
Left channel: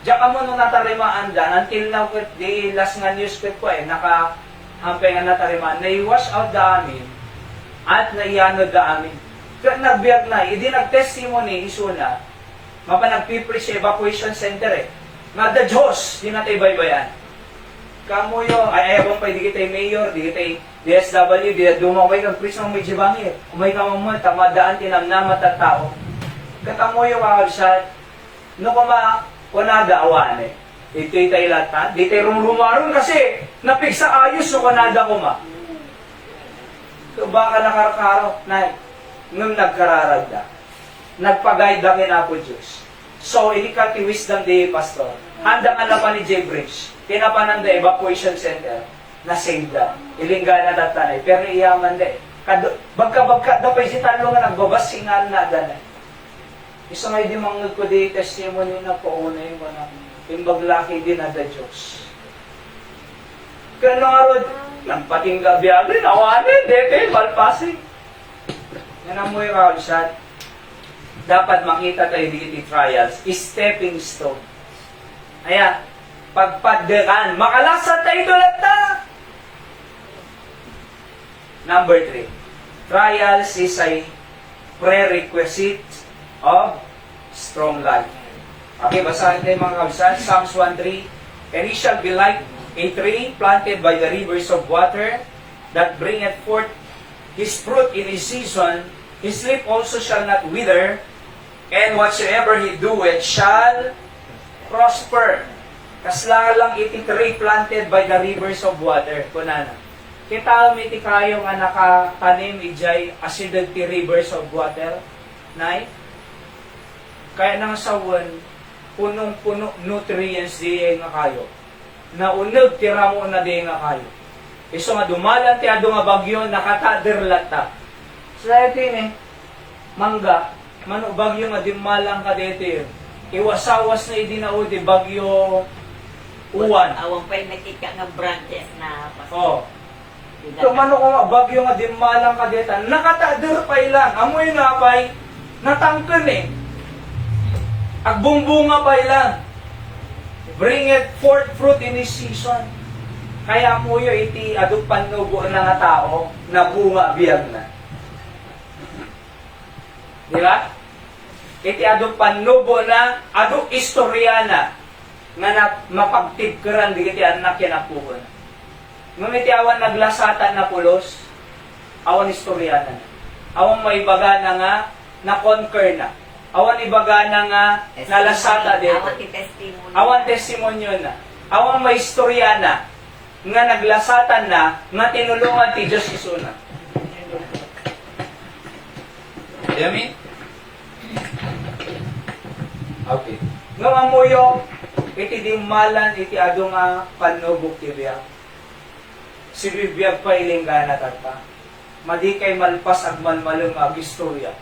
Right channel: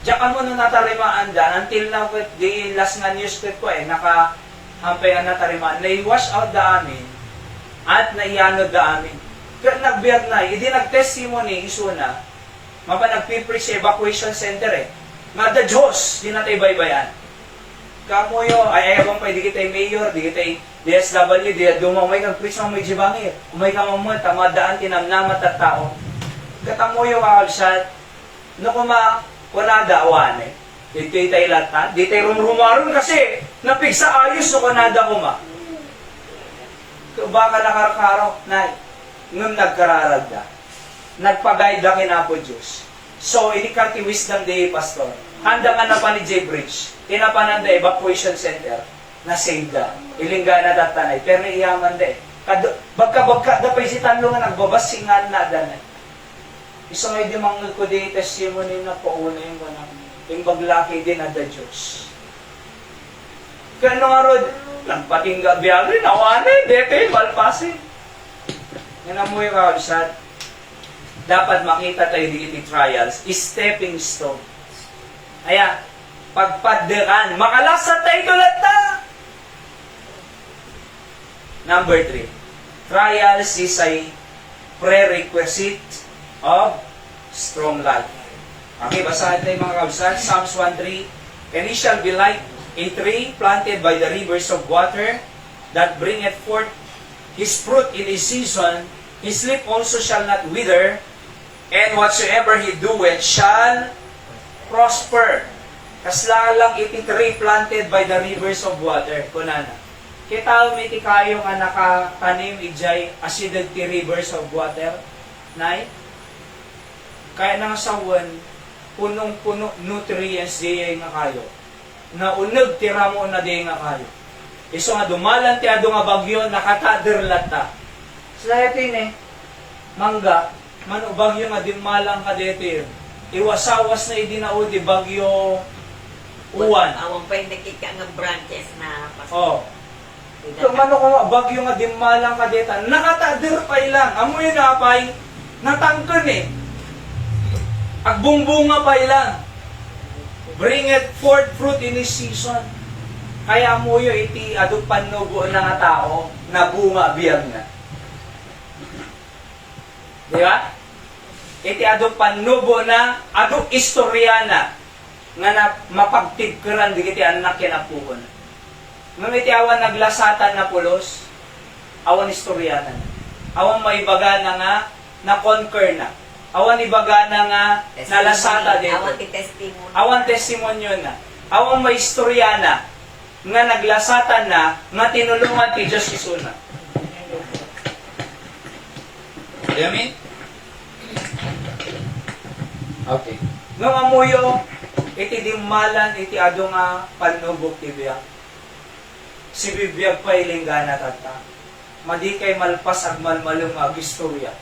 Diyan ka muna natarimaan dyan, until now, di last nga news ko eh, naka-hampay nga natarimaan, na-wash out da amin, at naiyanod da amin. Pero nagbiyag na, hindi nag-testimony, iso na, mapanag-preach sa evacuation center eh. Nga da Diyos, di natin baybayan. Kamuyo, ay ebang pa, di kita'y mayor, di kita'y DSW, di dumamay kang preach ng may jibangir. Umay kang umay, tamadaan, tinanamat at tao. Katamuyo mga kabsat, no kuma, wala daawan eh. Ito'y tayo latan, di tayo rumrumaron kasi, Napigsa ayos so kanada ko ma. So baka nakarakaraw, nay, nung nagkararagda, nagpag-guide lang ina po Diyos. So, ini ka ti wisdom day, pastor. Handa nga na pa ni J. Bridge, tinapanan da evacuation center, na save da. Ilingga na datanay, pero iyaman da eh. Bagka, da pa si talo nga nagbabasingan na da na. Iso nga di mga ko di testimony na pauna yung ganang, yung baglaki din na da Diyos. Kano nga rod, nagpating gabiagin, awanin, dete, malpasi. Yan mo yung kakabsat. Dapat makita tayo di trials, stepping stone. Ayan, pagpaderan, makalasat tayo tulad na. Number 3, trials is a prerequisite of strong life. Okay, basahin tayo mga kabsat. Psalms 1:3, and he shall be like a tree planted by the rivers of water that bringeth forth his fruit in his season, his leaf also shall not wither, and whatsoever he doeth shall prosper. Kasla lang iti tree planted by the rivers of water. Kunana. Kita mo iti kayo nga nakatanim ijay acidic ti rivers of water. Nay? Kaya nang sawan, punong-puno nutrients diya nga kayo. Naunag tira mo na diya nga kayo. Iso nga dumalan ti ado nga bagyo, nakataderlat ta. So dahil mangga, mano bagyo nga dimalang ka dito. Iwasawas na idinaudi bagyo uwan. Awang pa yung nakika nga branches na pastor. Oh. Kung ano ko bagyo nga dimalang ka dito, nakatader pa ilang. Amoy na pay, natangken eh. Agbumbunga pa ilang. Bring it forth fruit in his season. Kaya mo yun, iti adong panubo na nga tao, na bunga biyag na. Di ba? Iti adong panubo na, adong istoryana, nga mapagtigkeran di iti anak yan apukon. Nung iti awan naglasatan na pulos, awan istoryana. Awan maibaga na nga, na-conquer na. Awan ibaga na nga, nalasata dito. Awan ti testimony. Awan testimonyo na. Awan may istorya na, nga naglasatan na, nga tinulungan ti Diyos isuna. Amen? Okay. Nung amuyo, iti dimalan, iti ado nga panubok ti biyak. Si bibiyag pa ilinggana tata. Madi kay malpas agmalmalong ag-istorya.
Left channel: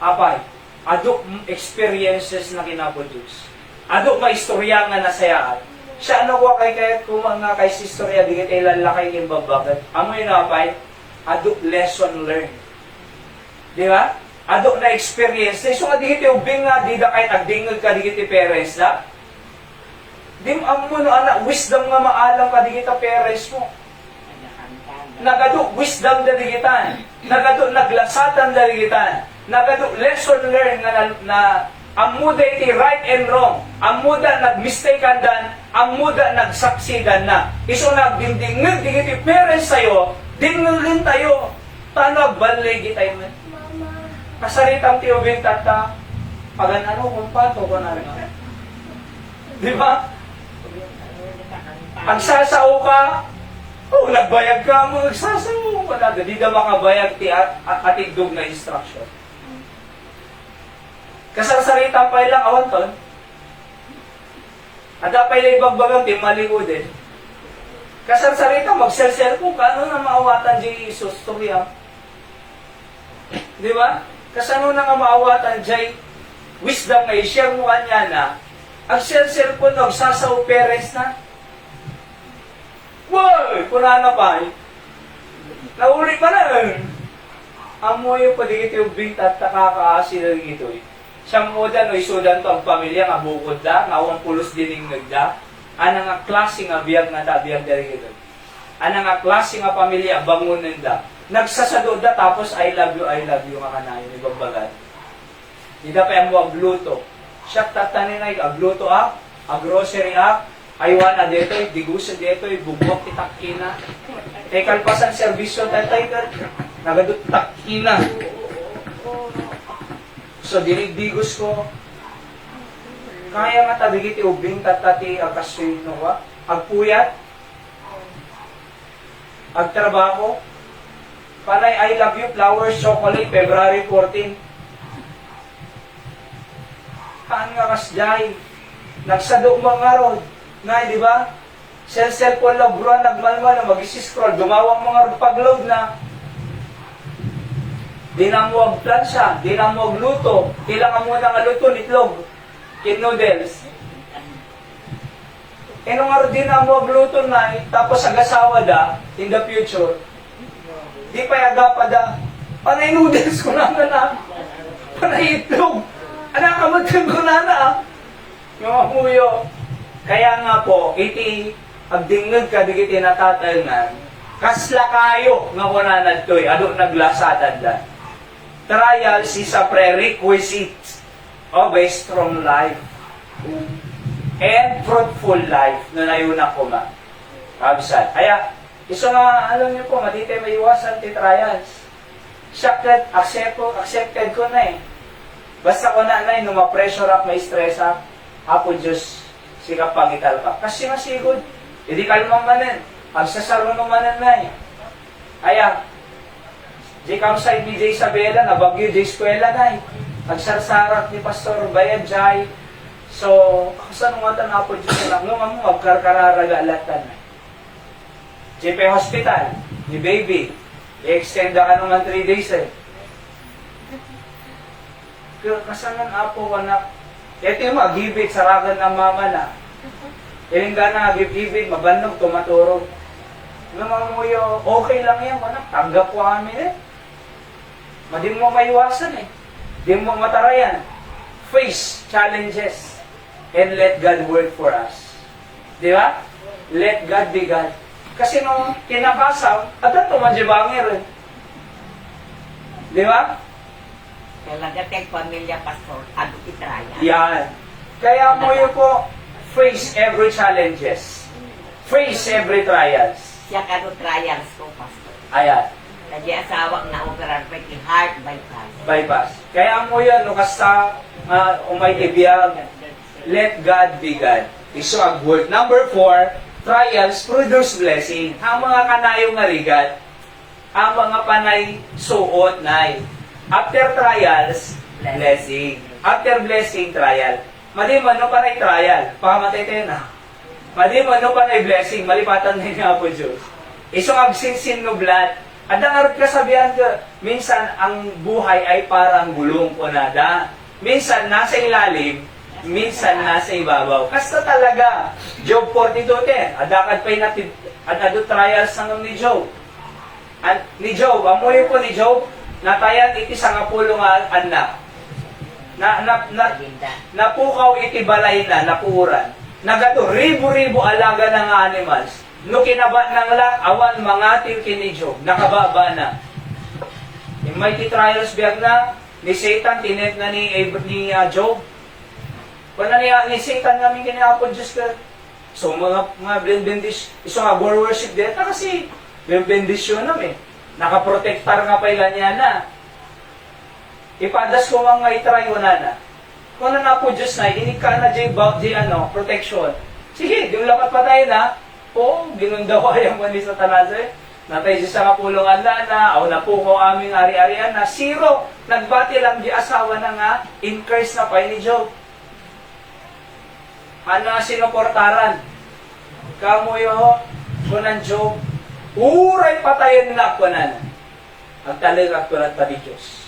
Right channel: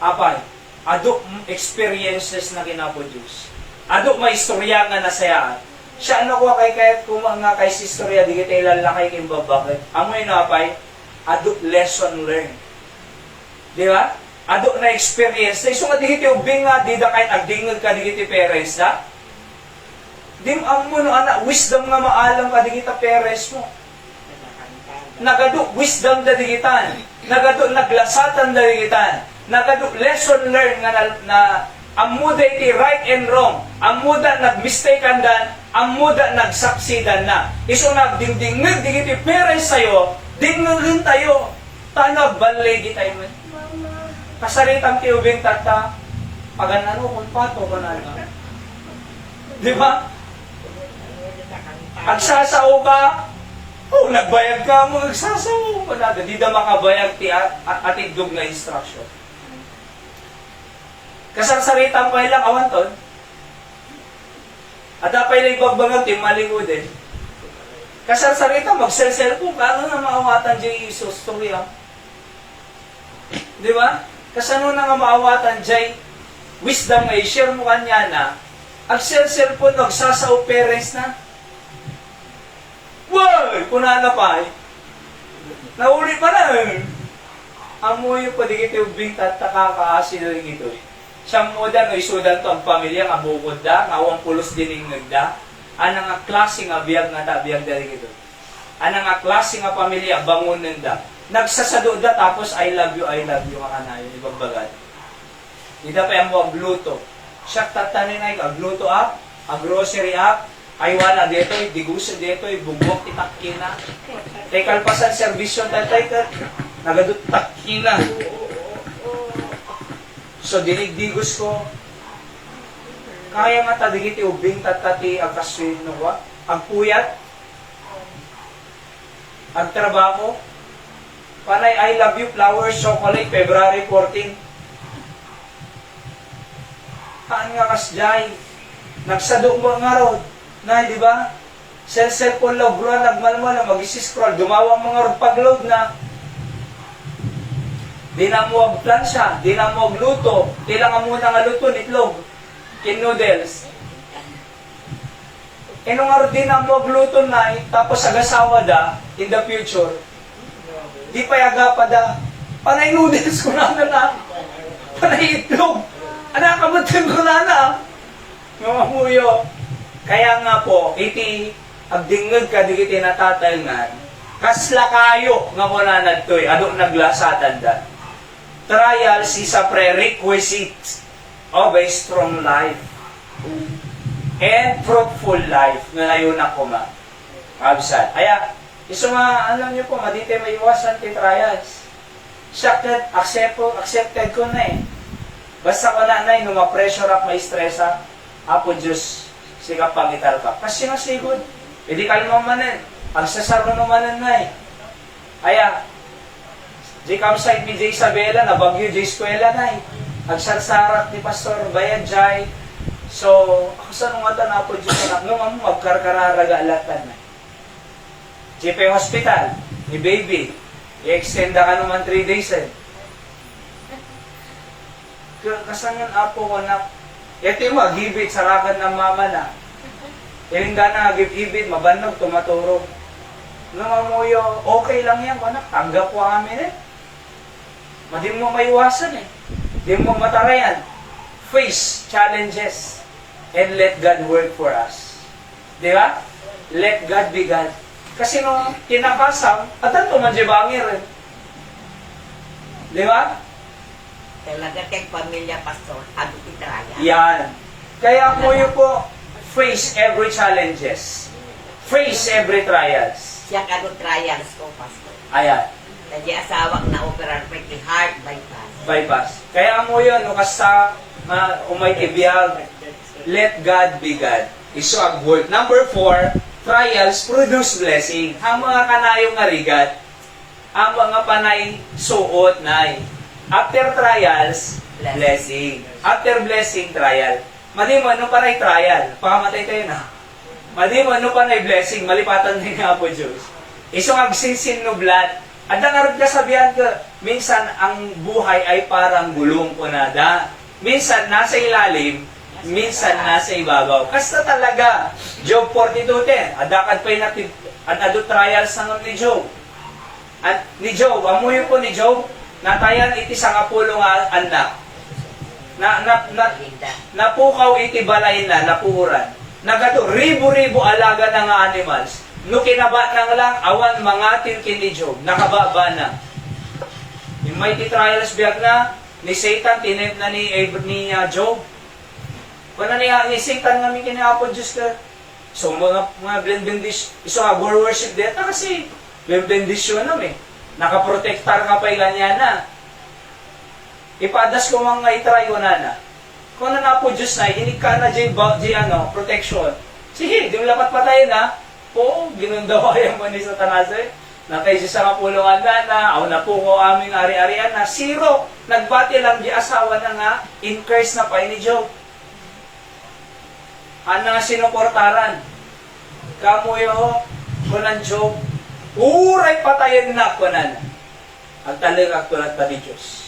Apay, ado experiences na kinaproduce. Ado may istorya nga nasayaan. Siya ano ko kay kumanga kay si istorya di kita ilalakay kin babakit. Amoy na apay, ado lesson learned. Di ba? Ado na experience. So nga di kita ubing nga, di da kahit agdingag ka di kita parents na. Di mo amo no ana, wisdom nga maalam ka di kita parents mo. Nagado wisdom da di kita. Nagado naglasatan da di kita. Nagado lesson learned nga na amuda iti right and wrong. Amuda nag-mistaken dan, amuda nagsaksidan na. Iso nagdingdingig di iti parents sayo, dingugin tayo. Tanag banlegi tayo na. Kasaritang tiubing tata, paganano kung pato ka na. Di ba? Agsasao ka, oh, nagbayag ka mo, agsasao ka na. Di na makabayag ti atigdog na instruction. Kasarsarita pa ilang awan ton. At apay na ibagbagan ti malingo din. Kasarsarita mag-sel-sel po, paano na maawatan di Isus tuhiya? Di ba? Kasano na nga maawatan di wisdom nga i-share mo kanya na ag-sel-sel po nagsasaw parents na. Woy! Punana pa eh. Nauli pa na eh. Amo yung padigit yung bing tatakakaasi na ito eh. Siyang mo da, no, isudan to ang pamilya, nga bukod da, nga awang pulos dining nagda, ana nga klase nga biyag na da, biyag da rin ito. Ana nga klase nga pamilya, bangunan da. Nagsasado da, tapos I love you nga kanayon, ibagbagan. Ida pa yung mo agluto. Siya tatanin na ito, agluto up, grocery up, aywana dito, digusa dito, bugwak itakina. Kalpasan servisyon tatay ka, nagadot takina. So, diligdigos ko, kaya nga tadigiti ubing tatati agkasuin no ba? Agpuyat, agtrabaho. Panay I love you, flowers, chocolate, February 14. Kaan nga kasjay? Nagsado mga rod. Na, di ba? Cellphone log, gruan, nagmalmal na, mag-scroll, gumawang mga rod pag-load na. Di na mo agplansya, di na mo agluto, kailangan mo na nga luto, itlog, noodles. E nung nga di na mo agluto na, tapos agasawa da, in the future, di pa yaga pa da, panay noodles ko na, panay itlog, anak kamatan ko na, mga huyo. Kaya nga po, iti, agdingog ka, di kiti natatay nga, kasla kayo, nga muna na to'y, adong naglasatan da. Trials is a prerequisite of a strong life and fruitful life na nayon ako ma. Kabsat. Kaya, iso nga, alam niyo po, matitay may iwasan ti trials. Accepted ko na eh. Basta ko na nung ma-pressure up, ma-stress up, apo Diyos, sikap pangital ka. Kasi masigod. Hindi kalma manan. Ang sasaro manan na eh. Kaya, di kamsay mi J. Isabela, na bagyo J. Eskwela na eh. Agsarsarat ni Pastor Bayad Jai. So, ako sa nung atan na po Diyos na nung mo magkarkararagaalatan na. JP Hospital, ni baby, i-extend ka naman 3 days eh. Kasanan apo ko na, ito yung mag-ibig, saragan ang mama na. Ilinda na, give-ibig, mabanog, tumaturog. Nung amuyo, okay lang yan, tanggap ko kami eh. Di mo maiwasan eh. Di mo matarayan. Face challenges and let God work for us. Di ba? Let God be God. Kasi nung kinakasang, adan to manjibangir eh. Di ba? Talaga kay pamilya pastor, ado itraya. Yan. Kaya mo yun po, face every challenges. Face every trials. Siya kado trials ko, pastor. Ayan. Kaya asawak na operar pa ki heart bypass. Bypass. Kaya mo yun, no, kasta umay tibiyag, let God be God. Iso ang word. Number 4, trials produce blessing. Ang mga kanayong narigat, ang mga panay suot na after trials, blessing. After blessing, trial. Madi mo, ano panay trial? Pakamatay kayo na. Madi mo, ano panay blessing? Malipatan na nga po Diyos. Iso ang sinsin no blood. Ada nga rin kasabihan ka, minsan ang buhay ay parang gulong po nada. Minsan nasa ilalim, minsan nasa ibabaw. Kasta talaga, Job 42:10, adakad pa'y ado trials ng ni Job. At ni Job, amoy po ni Job, natayan iti sa kapulo nga anak. Napukaw iti balay na, napuhuran. Nagato, ribu-ribu alaga ng animals. No kinaba nang lang, awan mga tilkin ni Job, nakababa na. Yung mighty trials biyag na, ni Satan, tinip na ni Job. Kung na ni Satan kami kinapod Diyos ka, so mga blendendis, iso nga worship deta kasi, blendendisyon naman eh. Nakaprotektar nga pa'y ganyan na. Ipadas ko mga itry ko na. Kung na po Diyos na, inig ka na di protection. Sige, di mo lapat patayin na. Oo, ginunda ko yung mani sa tanase. Natay siya sa kapulungan na, aw na po ko aming ari-arian na, 0. Nagbati lang di asawa na nga, increase na pa ni Job. Ana sinuportaran. Kamuyo, kunan Job, uray patayin na kunan. Ang talaga tulad pa ni Diyos.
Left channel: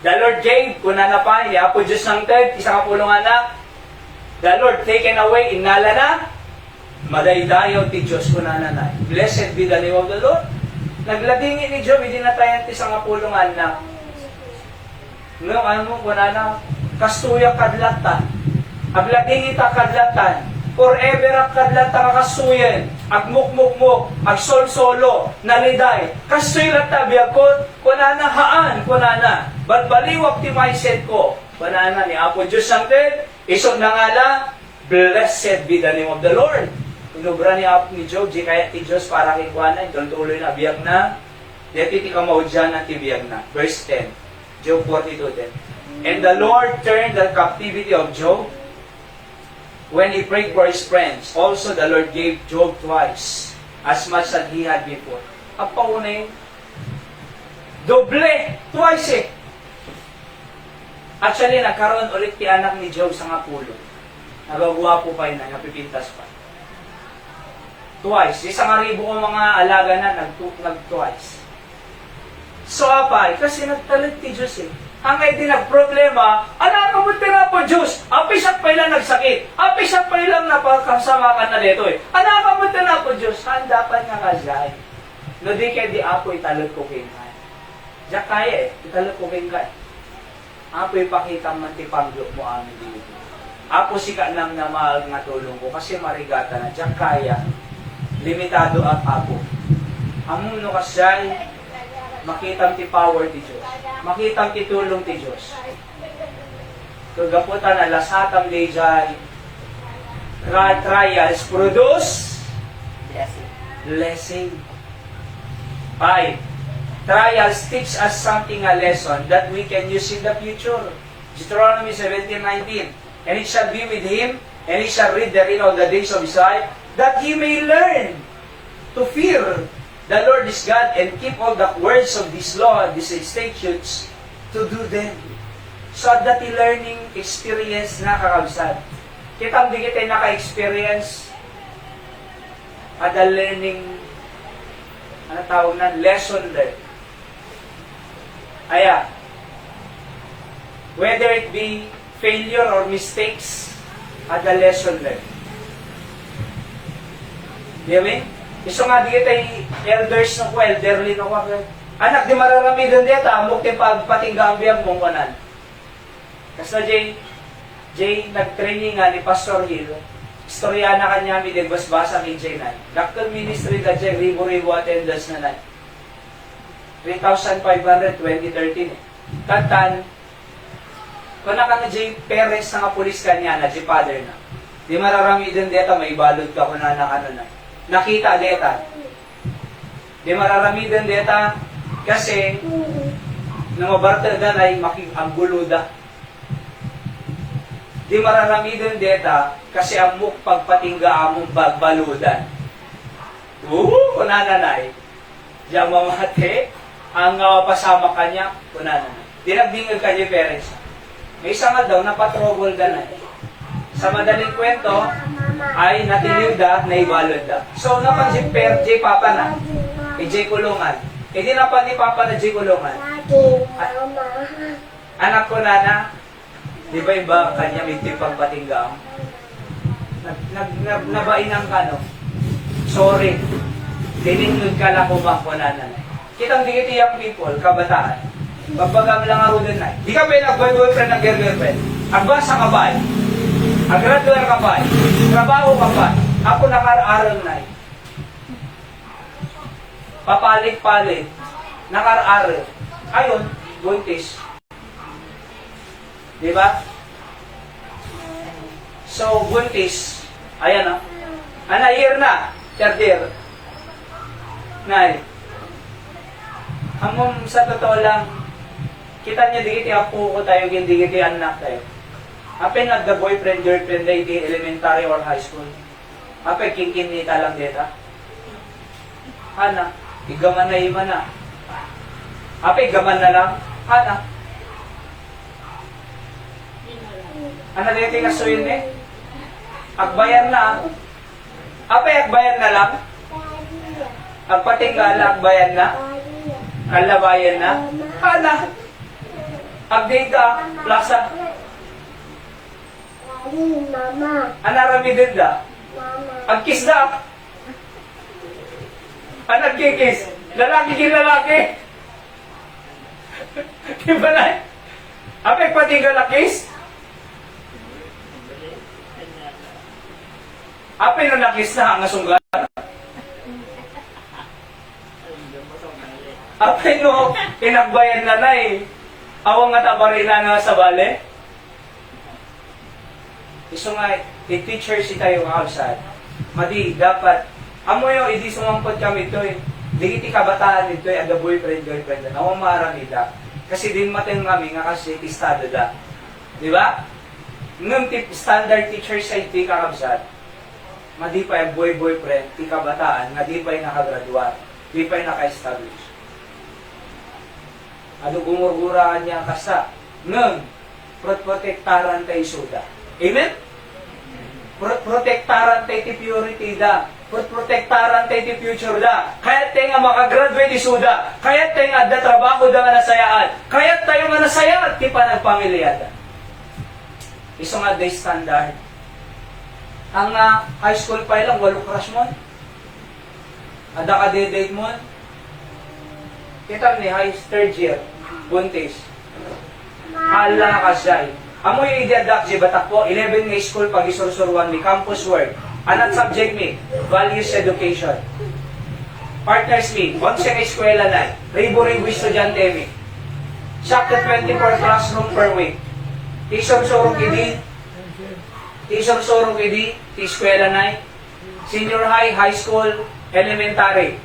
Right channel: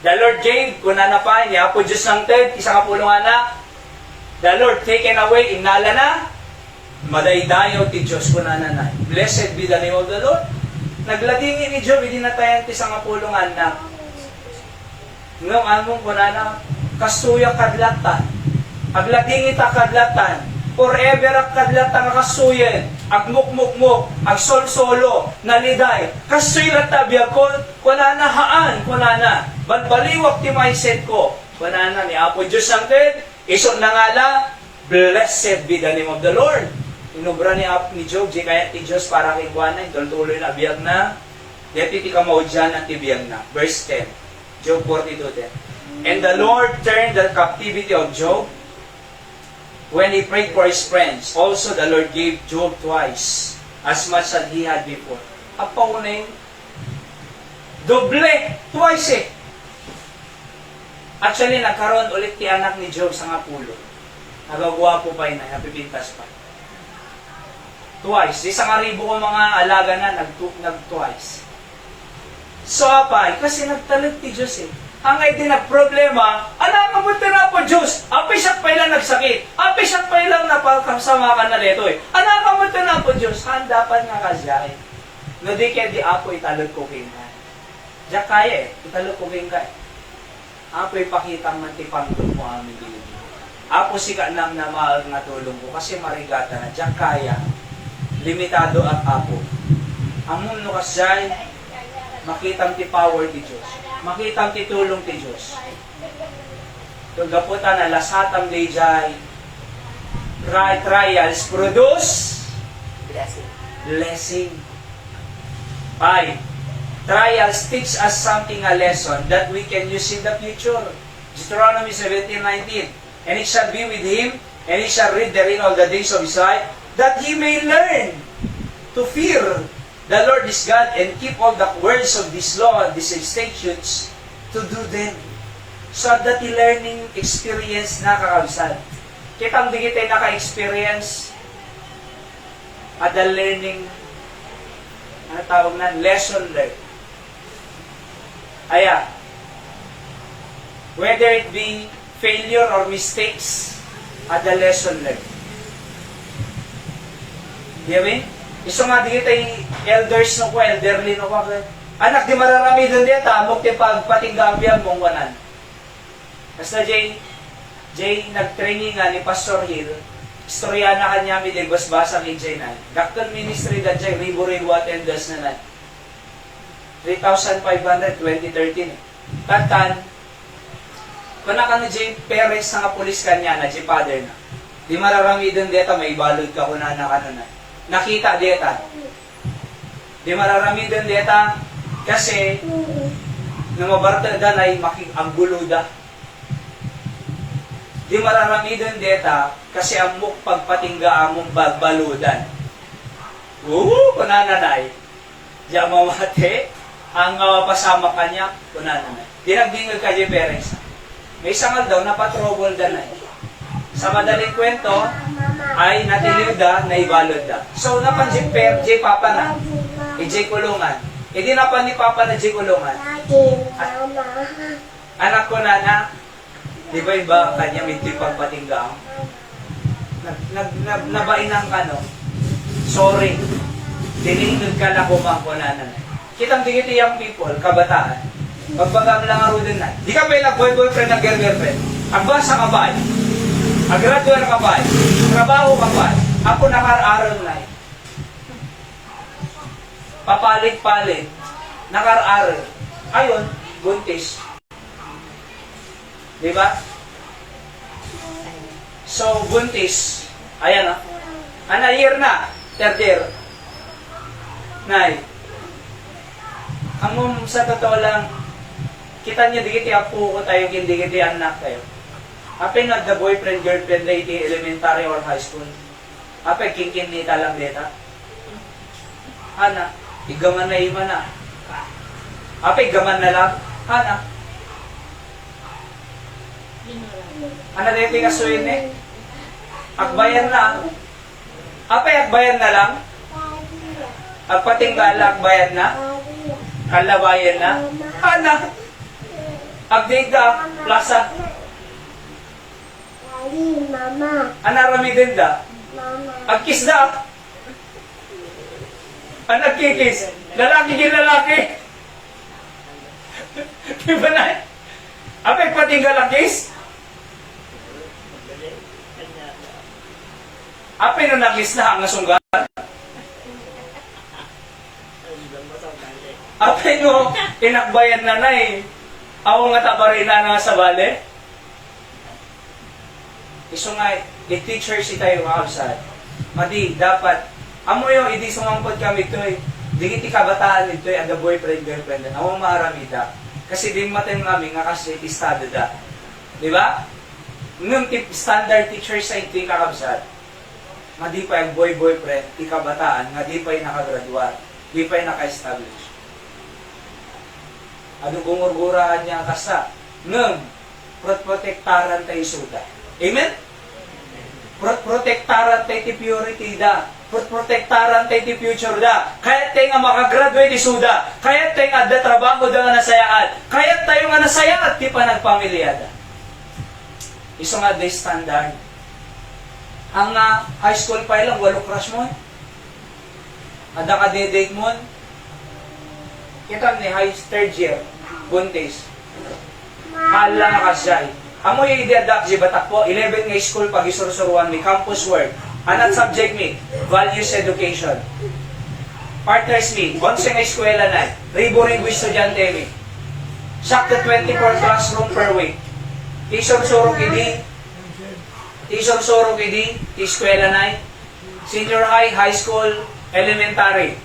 The Lord gave, kunan na pa, iapo Diyos ng third, isang kapulungan na. The Lord taken away, inala na. Madaydayaw ti Diyos ko na nanay. Blessed be the name of the Lord. Nagladingin ni Job, hindi na tayo ti sa kapulungan na. Ngayon, ano ko na kasuya kadlatan. Agladingin ta kadlatan. Forever ang kadlatan kasuyan. Agmukmukmuk. Agsol-solo. Naliday. Kasuya tabiag ko. Kuna na haan. Kuna na. Balbaliwak ti mindset ko. Kuna na ni Apo Diyos Santed. Isong na nga lang. Blessed be the name of the Lord. Inubra ni Job, di kaya ti Diyos para kikuanan, tuloy na biyag na, deti ti kamaudyan at ti biyag na. Verse 10, Job 42:10. And the Lord turned the captivity of Job when he prayed for his friends. Also the Lord gave Job twice as much as he had before. Ang paunay, doble, twice eh. Actually, nagkaroon ulit ti anak ni Job sa nga pulo. Nagagawa po pa yun, napipintas pa. Twice. Isang aribo kong mga alaga na, nag-twice. So, apay, kasi nagtalit ti Diyos eh. Hangay din nagproblema, ala ka mo tira po Diyos, apisak pa ilang nagsakit, apisak pa ilang napakasama ka na dito eh. Ala ka mo tira po Diyos, handa pa nga kasyahin. No di kaya di apo italot ko kinay. Diyak kaya eh, italot ko kinay. Apo ipakitang mantipanggol mo amin dito. Apo sika nang na mahal nga tulong ko kasi marigata na. Diyak kaya, limitado ang apo. Amon no kasay, makitang ti power ti Diyos. Makitang ti tulong ti Diyos. Kagaputan na lasatang lejay, trials produce blessing. 5. Trials teach us something, a lesson that we can use in the future. Deuteronomy 17:19. And it shall be with him, and he shall read therein all the days of his life, that he may learn to fear the Lord is God and keep all the words of this law and these statutes to do them. So that the learning experience na kakabsad. Kitang di kita naka-experience at the learning, ano tawag na, lesson learned. Ayan. Whether it be failure or mistakes at the lesson learned. Diba? Iso nga di kita elders no ko, elderly no ko. Anak, di mararami doon dito, amok ti pagpatinggambyan mong kanan. Kasi Jay, nag-training nga ni Pastor Hill, istorya na kanya mi din basbasa ni Jay na. Doctor Ministry na Jay, ribo-ribo attendance na na. 3,500, 2013. Tagtan, kung ka na Jay, parents na nga pulis kanya na, Jay father na. Di mararami doon dito, may balod ka kung na na. Nakita dito. Di mararami doon dito, kasi, nung mabarta na ay ang-gulo da. Di mararami din deta kasi amok pagpatingga among bagbaludan. Kunananay. Diyan mamate, ang pasama kanya, kunananay. Dinagdingil ka yung parents. May sangal daw, napatrouble da na. Sa madaling kwento, ay natiliw da, naibalod da. So, napansin J Papa na, J Kulungan. Hindi napan ni Papa na J Kulungan. Anak ko na, di ba iba kanya minti pagpatinggaan? Nabainang ka, no? Sorry. Dinindod ka lang bang kunanan. Kitang digiti yung people, kabataan. Pagbagang lang ang din na. Di ka ba nag-boyfriend ng girlfriend? Ang basa ka ba? Ang graduate ka ba? Trabaho ka ba? Ako nakar-aral na. Papalit-palit. Nakar-aral. Ayun, buntis. Diba? So, buntis. Ayan o. Ano, year na. Third year. Nay. Ang sa totoo lang, kita niyo, di kiti apo ko tayo, hindi kiti anak tayo. Apin nagda-boyfriend, girlfriend na iti elementary or high school. Apin kingkin ni talang dita. Ana, igaman na ima na. Apin gaman na lang. Ana. Ano na yung kasuyin eh? Agbayan na. Apay, agbayan na lang? Agpatinggal, agbayan na? Kalabayan na? Ana? Agdida, plaza? Anarami din da? Agkis da? Anagkikis? Lalaki ginalaki? Diba na? Apay, patinggal agkis? Api na nakis na ang nasunggar. Api no, pinagbayan na na eh. Awang nga tabarina na sa bale. Iso nga, i-teacher si tayo mga kabsat. Madi, dapat, amo yung hindi sumampod kami ito eh. Di kiti kabataan ito eh, ada boyfriend, girlfriend. Awang maaramida. Kasi din matin kami nga kasi istado da. Di ba? Nung standard teacher sa ito kakabsat. nga di pa yung boyfriend, ti kabataan, nga di pa yung nakagraduate, di pa yung naka-establish. Ano gumurguraan niya ang kasa? Nung, protektaran tayo suda. Amen? Protektaran tayo ti purity da. Protektaran tayo ti future da. Kaya tayo nga makagraduate di suda. Kaya tayo nga da trabaho da nga nasayaan. Kaya tayo nga nasayaan ti panagpamilyada. Iso nga day standard. Ang high school pa lang, 8 crush mo. Ada ka date mo. Kita ni high third year, buntis. Hala ka siya. Amo yung i-adapt si batak po, 11 nga school pag isurusuruan mi, campus work. Anong subject mi? Values education. Partners mi, once nga eskwela na, ribo-ribo estudyante mi. Sakto 24 classroom per week. Tisong-surong idi, eskwela na, senior high, high school, elementary.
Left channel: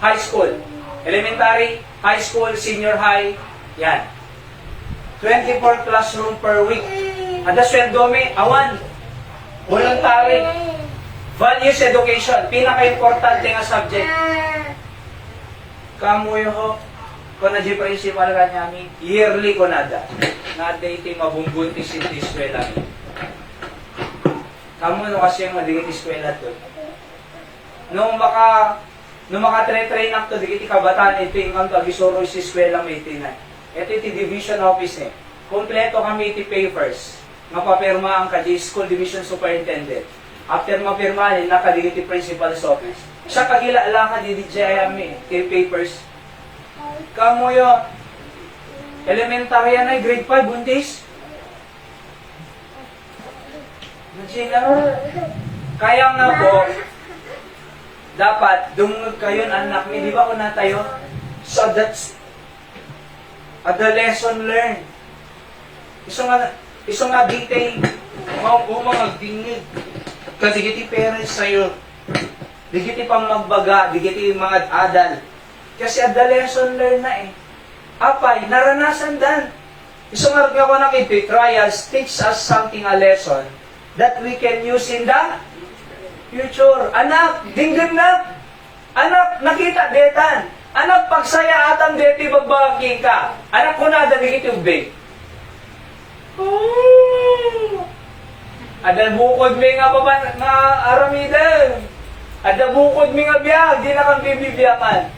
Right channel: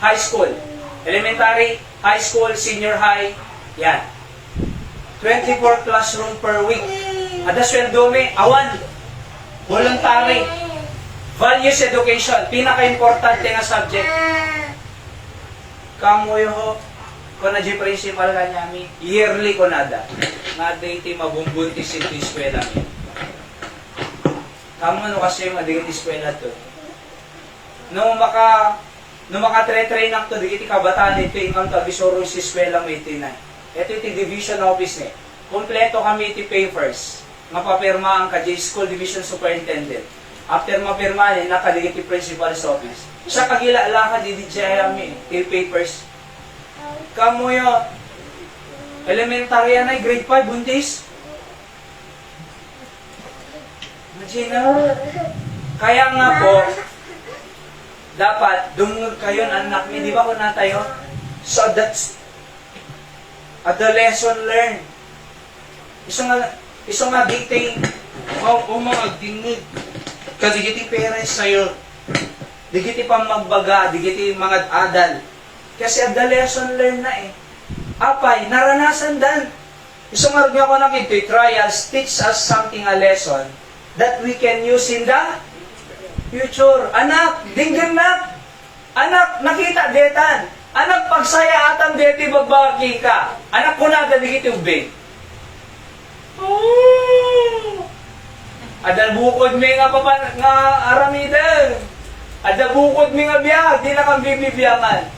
High school. Elementary, high school, senior high, yan. 24 classroom per week. Ada sweldo mi, awan. Voluntary. Values education, pinaka-importante nga subject. Kamoy ho, kung na di principal ka namin, yearly ko nada. Nada iti mabumbuntis iti eskwela mi. Kamu no kasi madigit eskwela to. Nung maka-train up to, digiti kabataan, ito yung tagisoro sa eskwela may itinan. Ito iti division office niya. Kompleto kami iti papers. Mapapirma ang school division superintendent. After mapirma niya, nakadigiti principal's office. Siya kagila ka di jayami, iti papers. Kamu yo, elementary yan ay grade 5, buntis. Imagine kaya nga po, dapat dumungod kayo anak mi, di ba ko na tayo? So that's the lesson learned. Iso nga dite mga dingid. Kadigiti parents sa'yo. Digiti pang magbaga, digiti mga adal. Kasi the lesson learned na eh. Apay, naranasan dan. Iso nga rin ako nakita, trials teach us something, a lesson that we can use in the future. Anak, dinggin na. Anak, nakita detan. Anak, pagsaya atan deti bagbaki ka. Anak ko na, digiti ubig. Ada bukod mi nga aramidan. Ada bukod mi nga biyag, di na kang bibibiyaman.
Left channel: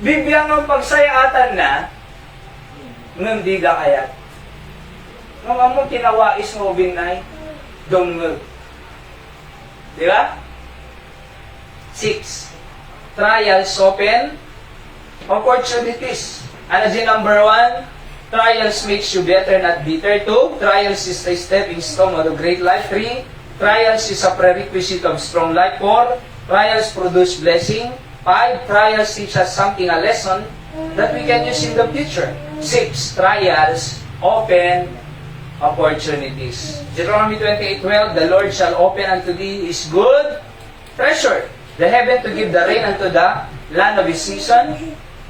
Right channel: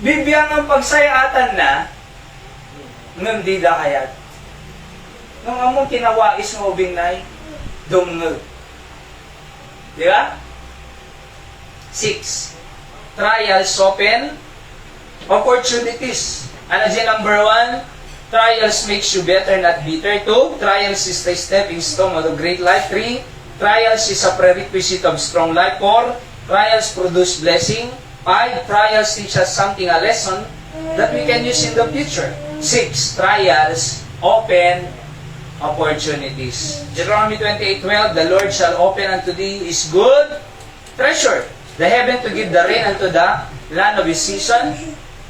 Bibiyangan pagsayaatan na, nung di ka kayat. Nung among tinawais ng ubing ay, dungod. Di ba? 6. Trials open opportunities. Ano din number 1? Trials makes you better, not bitter. 2. Trials is a stepping stone of a great life. 3. Trials is a prerequisite of strong life. 4. Trials produce blessing. 5. Trials teach us something, a lesson that we can use in the future. 6. Trials open opportunities. Deuteronomy 28:12, the Lord shall open unto thee his good treasure, the heaven to give the rain unto the land of his season,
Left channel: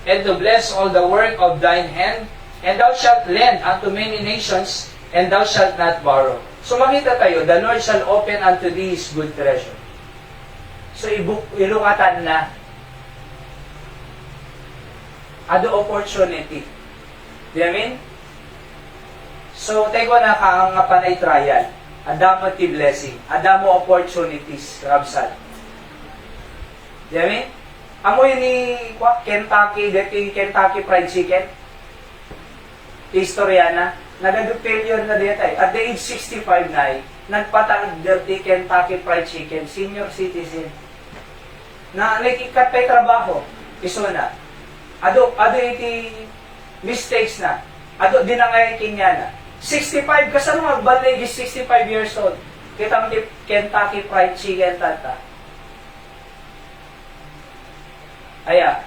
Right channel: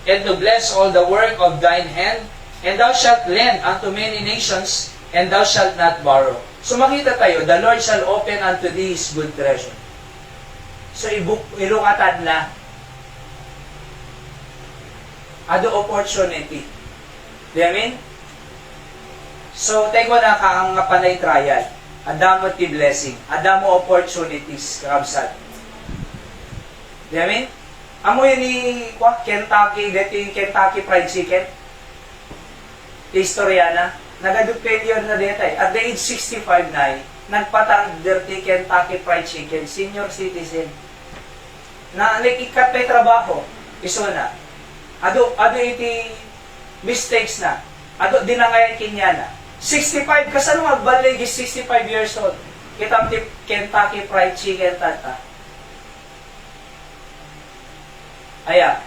and to bless all the work of thine hand, and thou shalt lend unto many nations, and thou shalt not borrow. So makita tayo, the Lord shall open unto thee his good treasure. So ilukatan na ado opportunity. Di amin? So, tayo na kang panay trial. Adamo ti blessing. Adamo opportunities. Kamsat. Di amin? Amo yun ni Kentucky, dati Kentucky Fried Chicken. Historiana. Nagadu-failure na dito eh. At the age 65 na nagpatang dirty Kentucky Fried Chicken. Senior citizen. Na nakikat tayo trabaho. Iso na. Ado iti mistakes na. Ado dinangay kinya na. 65, kasano magbalig is 65 years old. Kitang Kentucky Fried Chicken tata. Aya,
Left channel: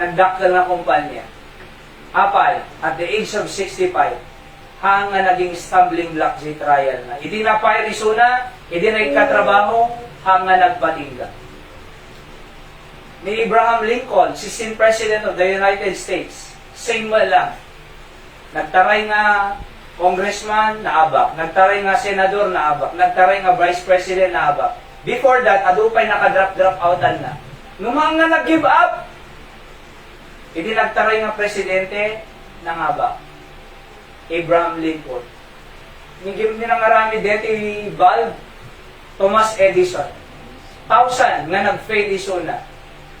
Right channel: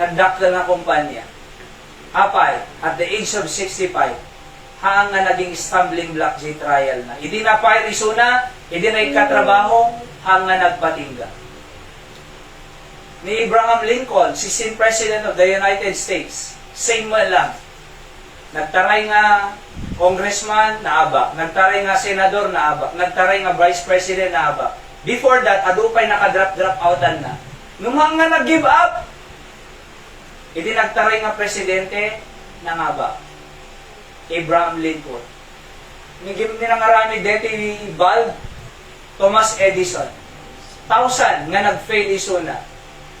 nagdaktal na kumpanya. Apal, at the age of 65, hanga naging stumbling block di trial na. Hindi na pairisuna, hindi na ikatrabaho, hanga nagpatingga. Ni Abraham Lincoln, 16th President of the United States, same lang. Nagtaray nga congressman, naaba. Nagtaray nga senador, naaba. Nagtaray nga vice president, naaba. Before that, adupay nakadrap-drop outan na. Nung mga nag-give up, hindi nagtaray nga presidente, nangaba. Abraham Lincoln. Nigim nila nga rami deti Valve, Thomas Edison. 1,000 nga nag-fail isuna.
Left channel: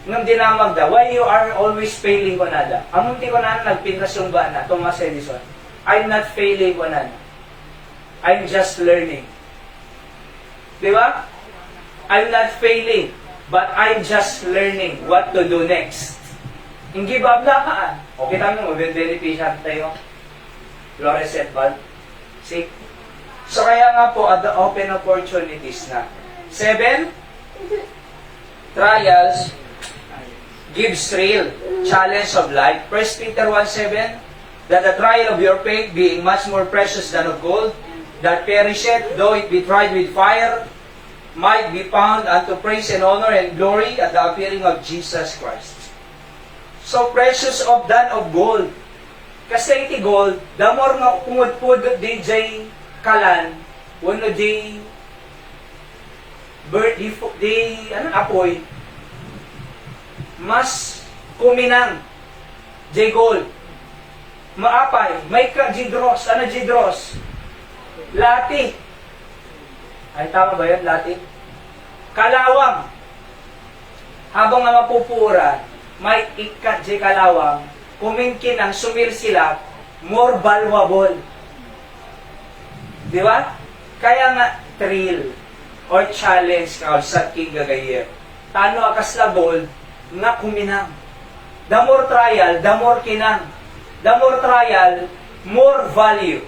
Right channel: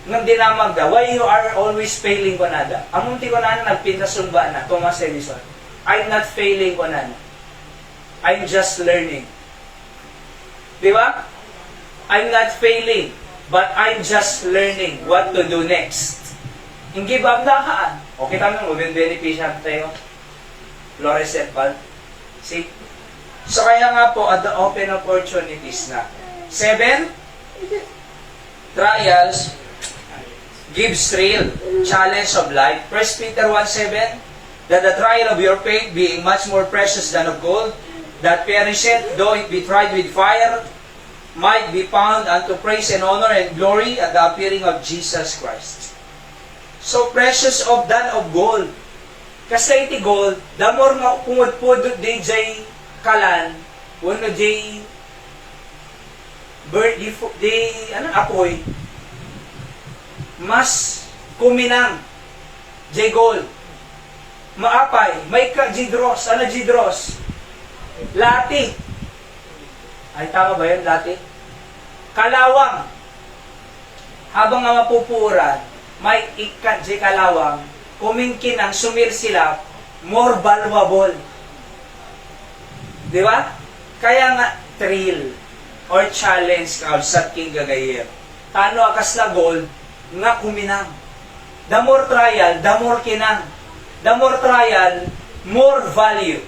Nung dinamag da, why you are always failing ko nada? Amunti ko na nagpintasumba na, Thomas Edison. I'm not failing ko na. I'm just learning. Di ba? I'm not failing, but I'm just learning what to do next. Hindi ba ablakaan? O kita mo, mag-beneficial tayo. Fluorescent bulb. See? So kaya nga po, at the open opportunities na. 7, trials gives real challenge of life. 1 Peter 1:7, that the trial of your faith, being much more precious than of gold, that perisheth, though it be tried with fire, might be found unto praise and honor and glory at the appearing of Jesus Christ. So precious of than of gold. Kasi iti gold, the more makupungod-pudot di jay kalan, wano di apoy, mas kuminang jay gold. Maapay, may ka jidros. Ano jidros? Lati. Ay, tama ba yan? Lati? Kalawang. Habang nga mapupuran, may ikat jay kalawang, kumingkin ang sumir sila, more valuable. Di ba? Kaya nga, thrill or challenge ka sa king gagayer. Tano akas la gold, nga kuminang. The more trial, the more kinang. The more trial, more value.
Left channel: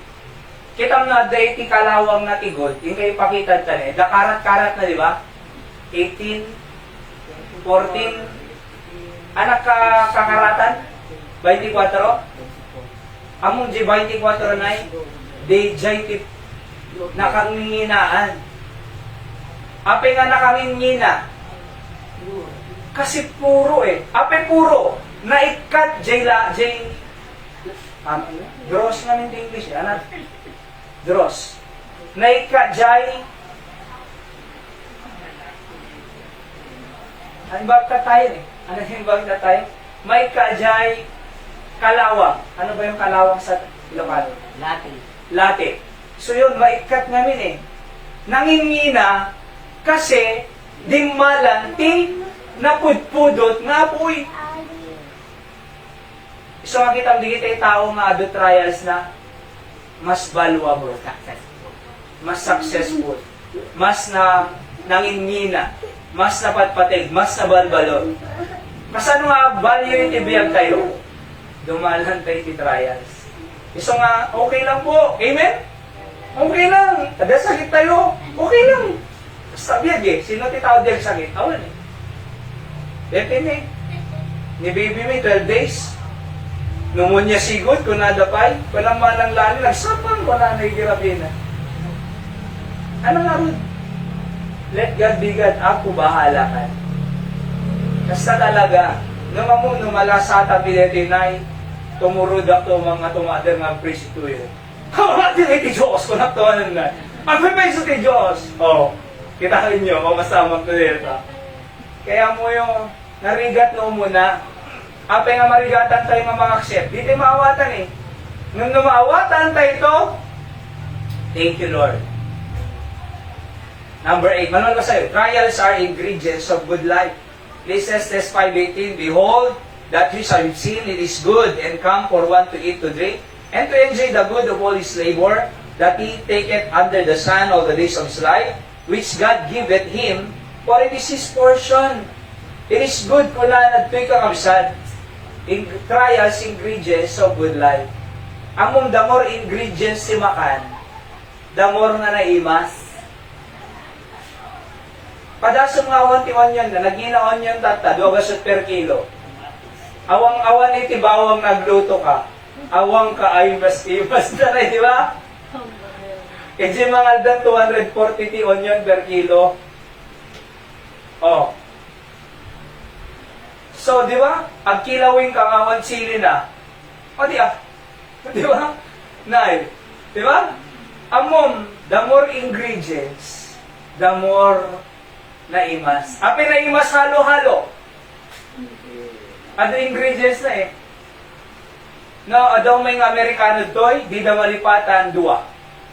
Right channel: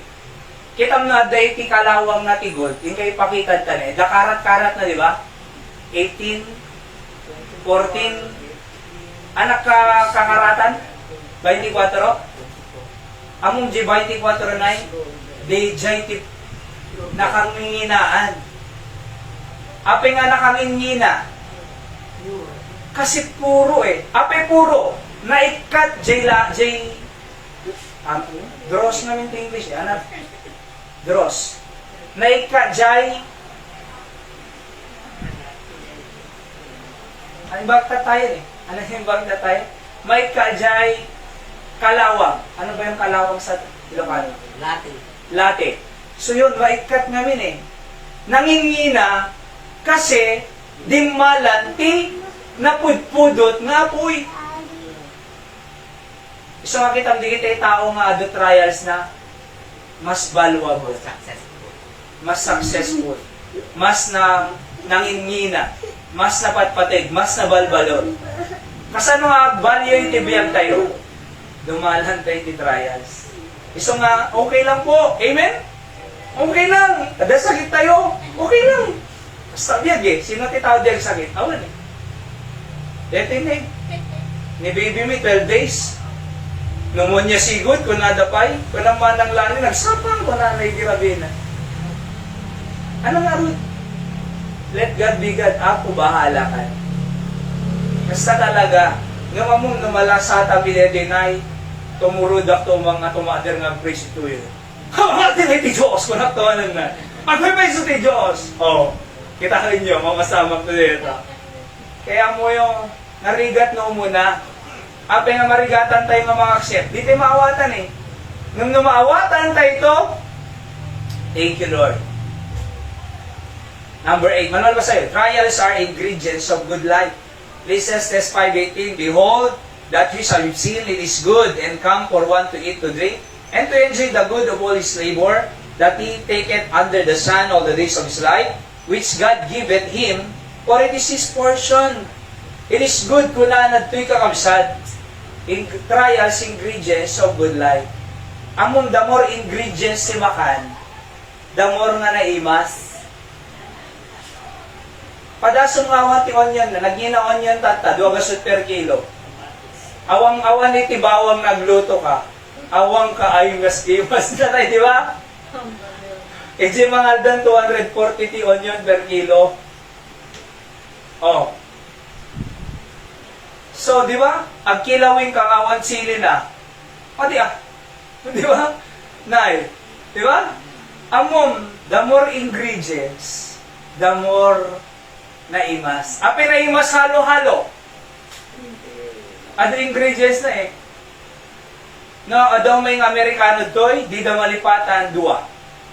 Kita nga day ti kalawang na ti gold, yung kayo pakita tani, da karat-karat na, di ba? 18, 14, anak kakaratan? 24? Among di 24 na di jay ti nakanginginaan. Ape nga nakangingina. Kasi puro Ape puro. Naikat jay dross namin ti English. Ano? Dross. Naikat jay ano ba tayo Ano yung bagta tayo? May kajay kalawang. Ano ba yung kalawang sa lokal? Late. So yun, maikat namin Nangingina kasi dimmalan ti napudpudot nga po'y. Isa makita mo digit tao nga ado trials na mas valuable, mas successful, mas nangingina, mas napatpatig, mas nabalbalot. Kasano nga value yung tibiyag tayo? Dumalan tayo ti trials. Iso nga, okay lang po. Amen? Okay lang. Kada sakit tayo, okay lang. Basta biyag Sino ti tao diyag sakit? Awan Depende. Ni baby me, 12 days. Nungon niya sigod, kung nadapay, walang manang lali, nagsapang, wala na igirabi na. Ano nga rin? Let God be God, ako bahala ka. Kasta talaga, nung among numalasata pinedinay, tumurudak to mga tumader nga praise to yun. Ang atin ti Diyos, kung naktuanan na. Ang praise ti Diyos. Kita rin nyo, mamasamang to dito. Kaya mo yung narigat no muna, ape nga marigatan tayo nga mga accept, di tayo maawatan Nung numaawatan tayo ito, thank you Lord. Number 8, manual ba sa'yo? Trials are ingredients of good life. Ecclesiastes 5:18, behold, that which are seen, it is good, and come for one to eat, to drink, and to enjoy the good of all his labor, that he taketh under the sun all the days of his life, which God giveth him, for it is his portion. It is good kung naanad to'y kakabsad. In trials, ingredients of good life. Among the more ingredients si makan, the more nga naimas. Padasong awan ti onion na, nagina onion tata, 2 per kilo. Awang-awan iti bawang nagluto ka. Awang ka ay mas na rin, di ba? E di mga aldan 240 ti onion per kilo. So, di ba? Ang kilawin kang awan sili na. Di ba? Nay, Di ba? Amom, the more ingredients, the more naimas. Api naimas halo-halo. Ano ingredients na eh? Na adong may Amerikano doy, di da malipatan dua.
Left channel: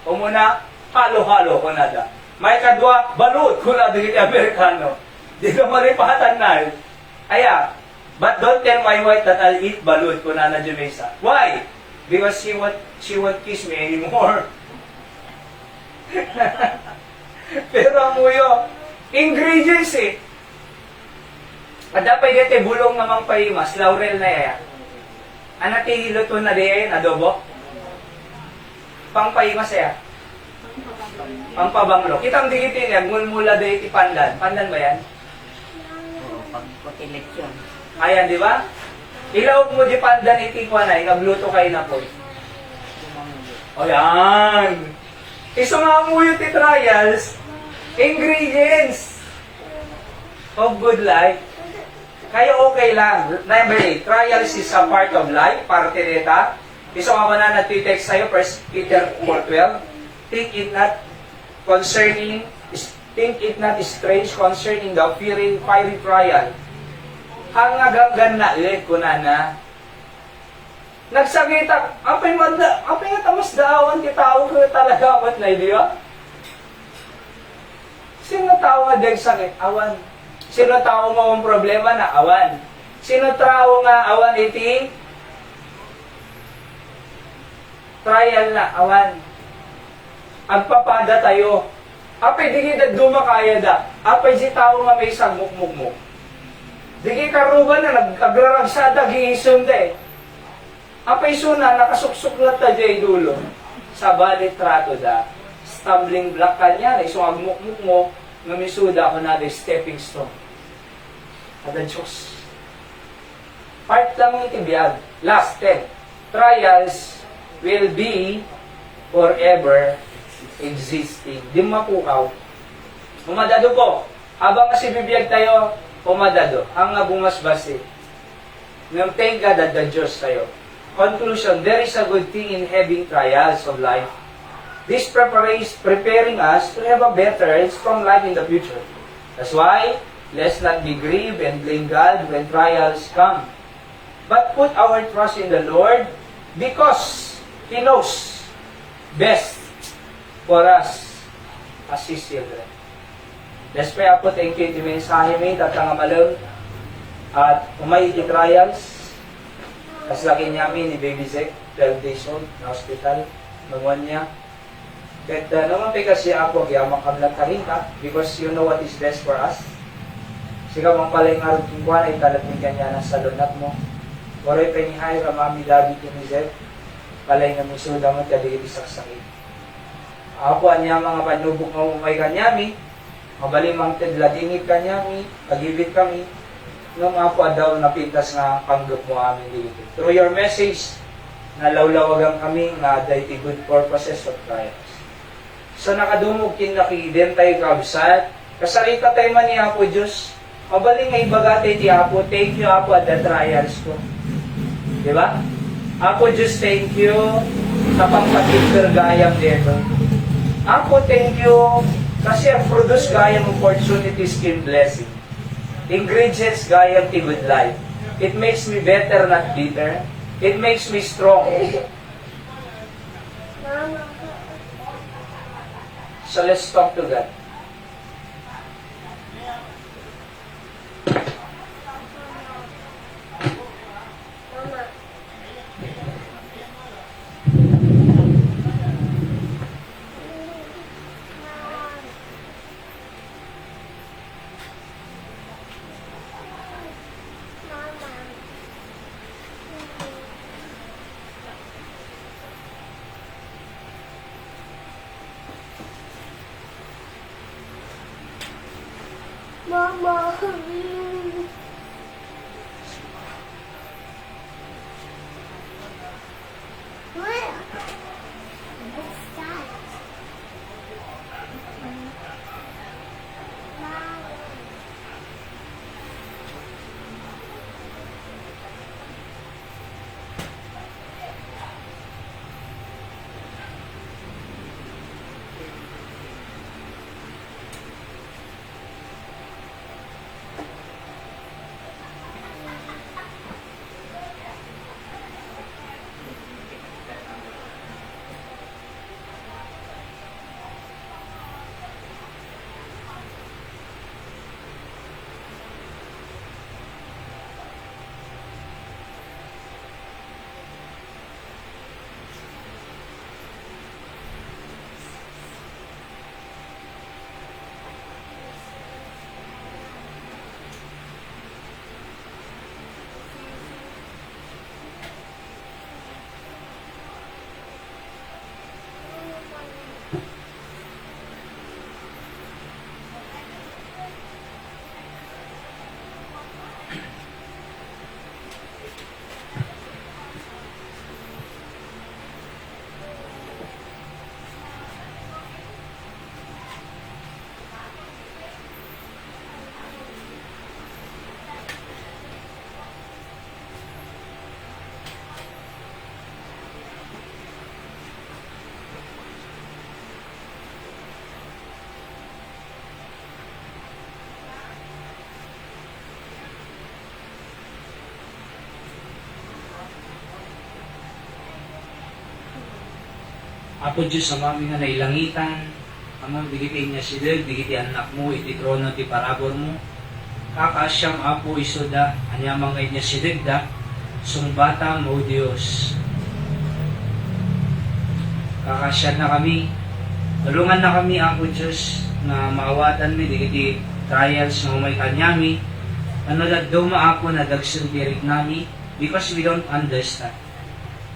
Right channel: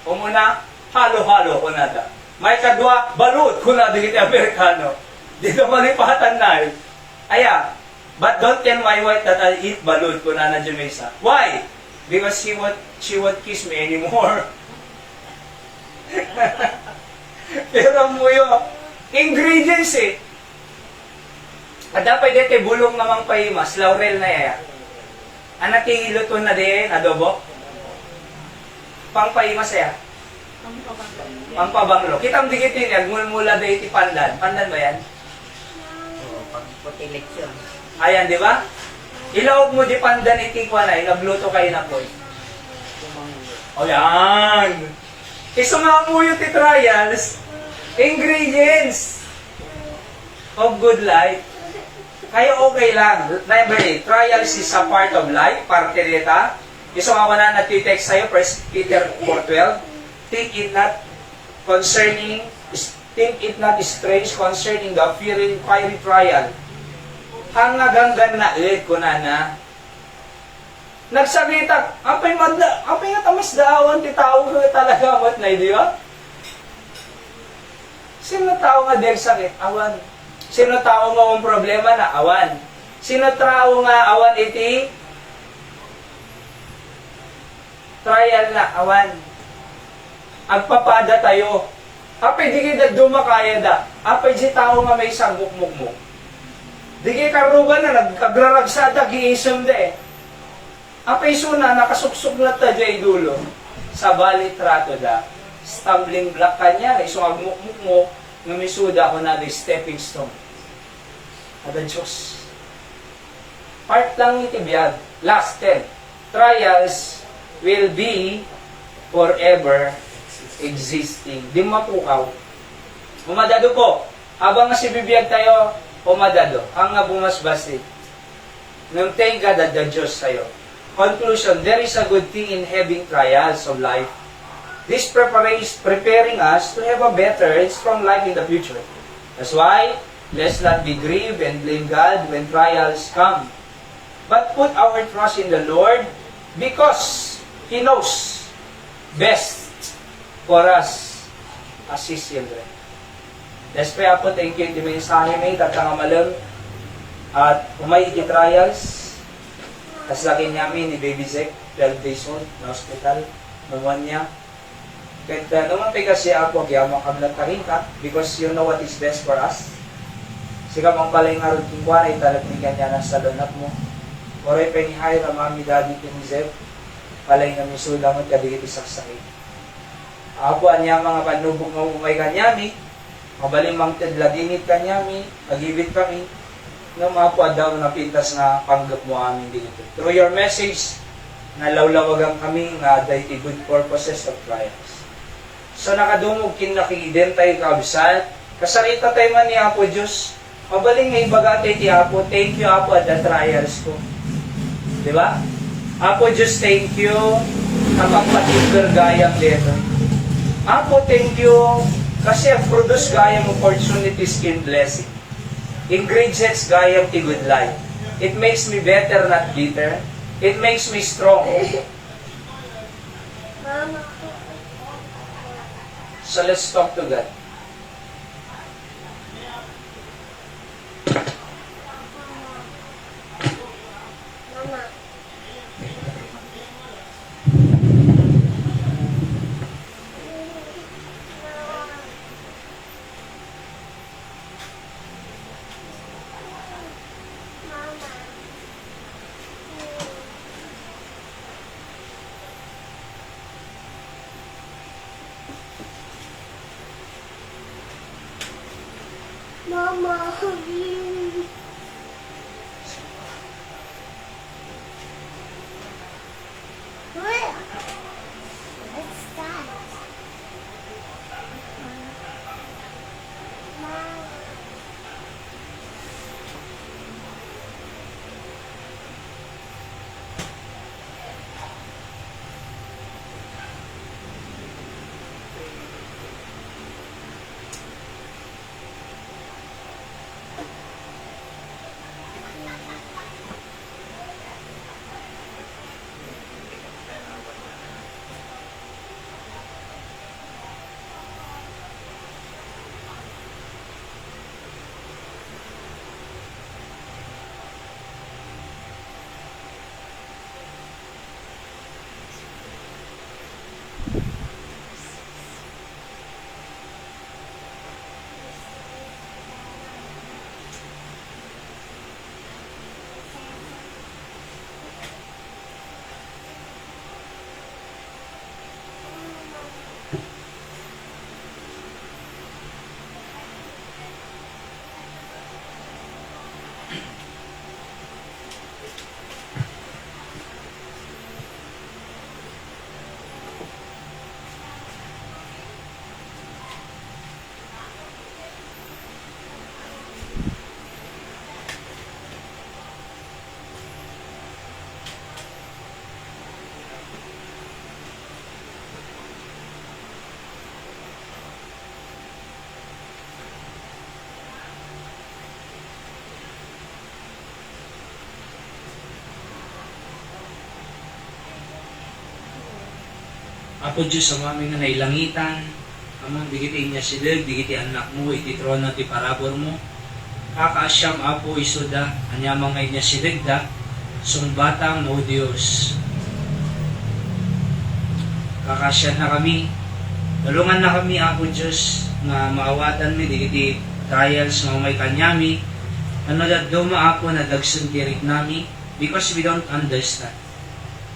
O muna, halo-halo ko na da. May kadwa, balut ko na di Amerikano. Di da malipatan na eh. Aya, but don't tell my wife that I'll eat balut ko na na Jamesa. Why? Because she won't kiss me anymore. Pero muyo, ingredients eh. Ada pa dete bulong namang paimas, laurel na eh. Anati luto na din, adobo. Pang paimas eh. Pang pabanglo. Kitang digitin yan, mulmula de iti pandan. Pandan ba yan? Oo, pag putilit yun. Ayan, di ba? Ilawag mo di pandan iti kwanay, nagluto kayo na po. Ayan! Isa nga mo yung trials, ingredients of good life. Kaya okay lang. Remember, trials is a part of life, parte nita. Isa nga na nagtitext sa'yo, 1 Peter 4:12. Think it not strange concerning the fiery trial. Hangaganggan na ulit ko na nagsabita, apay nga tamas daawan ti tao ko talaga amat na, di ba? Sino tao nga dahil sakit? Awan. Sino tao nga ang problema na? Awan. Sino tao nga awan iti? Trial na, awan. Agpapada tayo. Apay di kita dumakaya da. Apay di tao nga may sangguk-muk mo. Di karuba na, nagkagraragsada, giisong da eh. Apay suna, nakasuksok na ta dyan dulo. Sa balit trato da. Stumbling block ka niya, isong agmukmuk mo, namisuda ko na the stepping stone. Ada Diyos. Part lang itibiyag. Last 10. Trials will be forever existing. Di mapukaw. Umadado po. Habang si bibiyag tayo, umadado. Ang nga bumasbasi. Nung thank God at the Diyos tayo. Conclusion, there is a good thing in having trials of life. This preparing us to have a better and strong life in the future. That's why, let's not be grieved and blame God when trials come. But put our trust in the Lord because He knows best for us as His children. Let's pray po, thank you, iti mensahe may tatanga malong at umay iti trials. As lagi namin ni Baby Zek, 12 days old, na hospital, pneumonia. But naman pa kasi ako, gyamang kamlat tarin ka, because you know what is best for us. Siga mong palay nga rin kung ay talag ni kanya ng salonat mo. Oray pa ngihay ka mami daddy ni Zek, palay nga misuda mo kadigit isak sakit. Ako niya mga panubog na umay kanyami, mabalimang tedladinit kanyami, pag-ibig kami, no mga po daw napintas nga pangdok mo amin dito. Through your message, nalawlawagan kami nga dahi good purposes of trials. So nakadungog kinlaki din tayo kabisat, kasarita tayo man ni Apo Diyos, mabaling nga ibagate ti Apo, thank you Apo at the trials ko. Diba? Apo Diyos, thank you, kapag particular gayam dito. Apo, thank you, kasi produce gayam opportunities in blessing. Ingredients gaya ti good life. It makes me better, not bitter. It makes me strong. So let's talk to God. Apo Diyos sa mami nga nailangitan, among digiti niya silig, digiti anak mo, iti trono ti parabor mo. Kakaasyam apo isoda, anyamang na niya silig da, sungbatang o Diyos. Kakasyan na kami, tulungan na kami apo Diyos, na maawatan mi, digiti trials nga may kanyami, manalad duma apo na dagsun kirik nami, because we don't understand.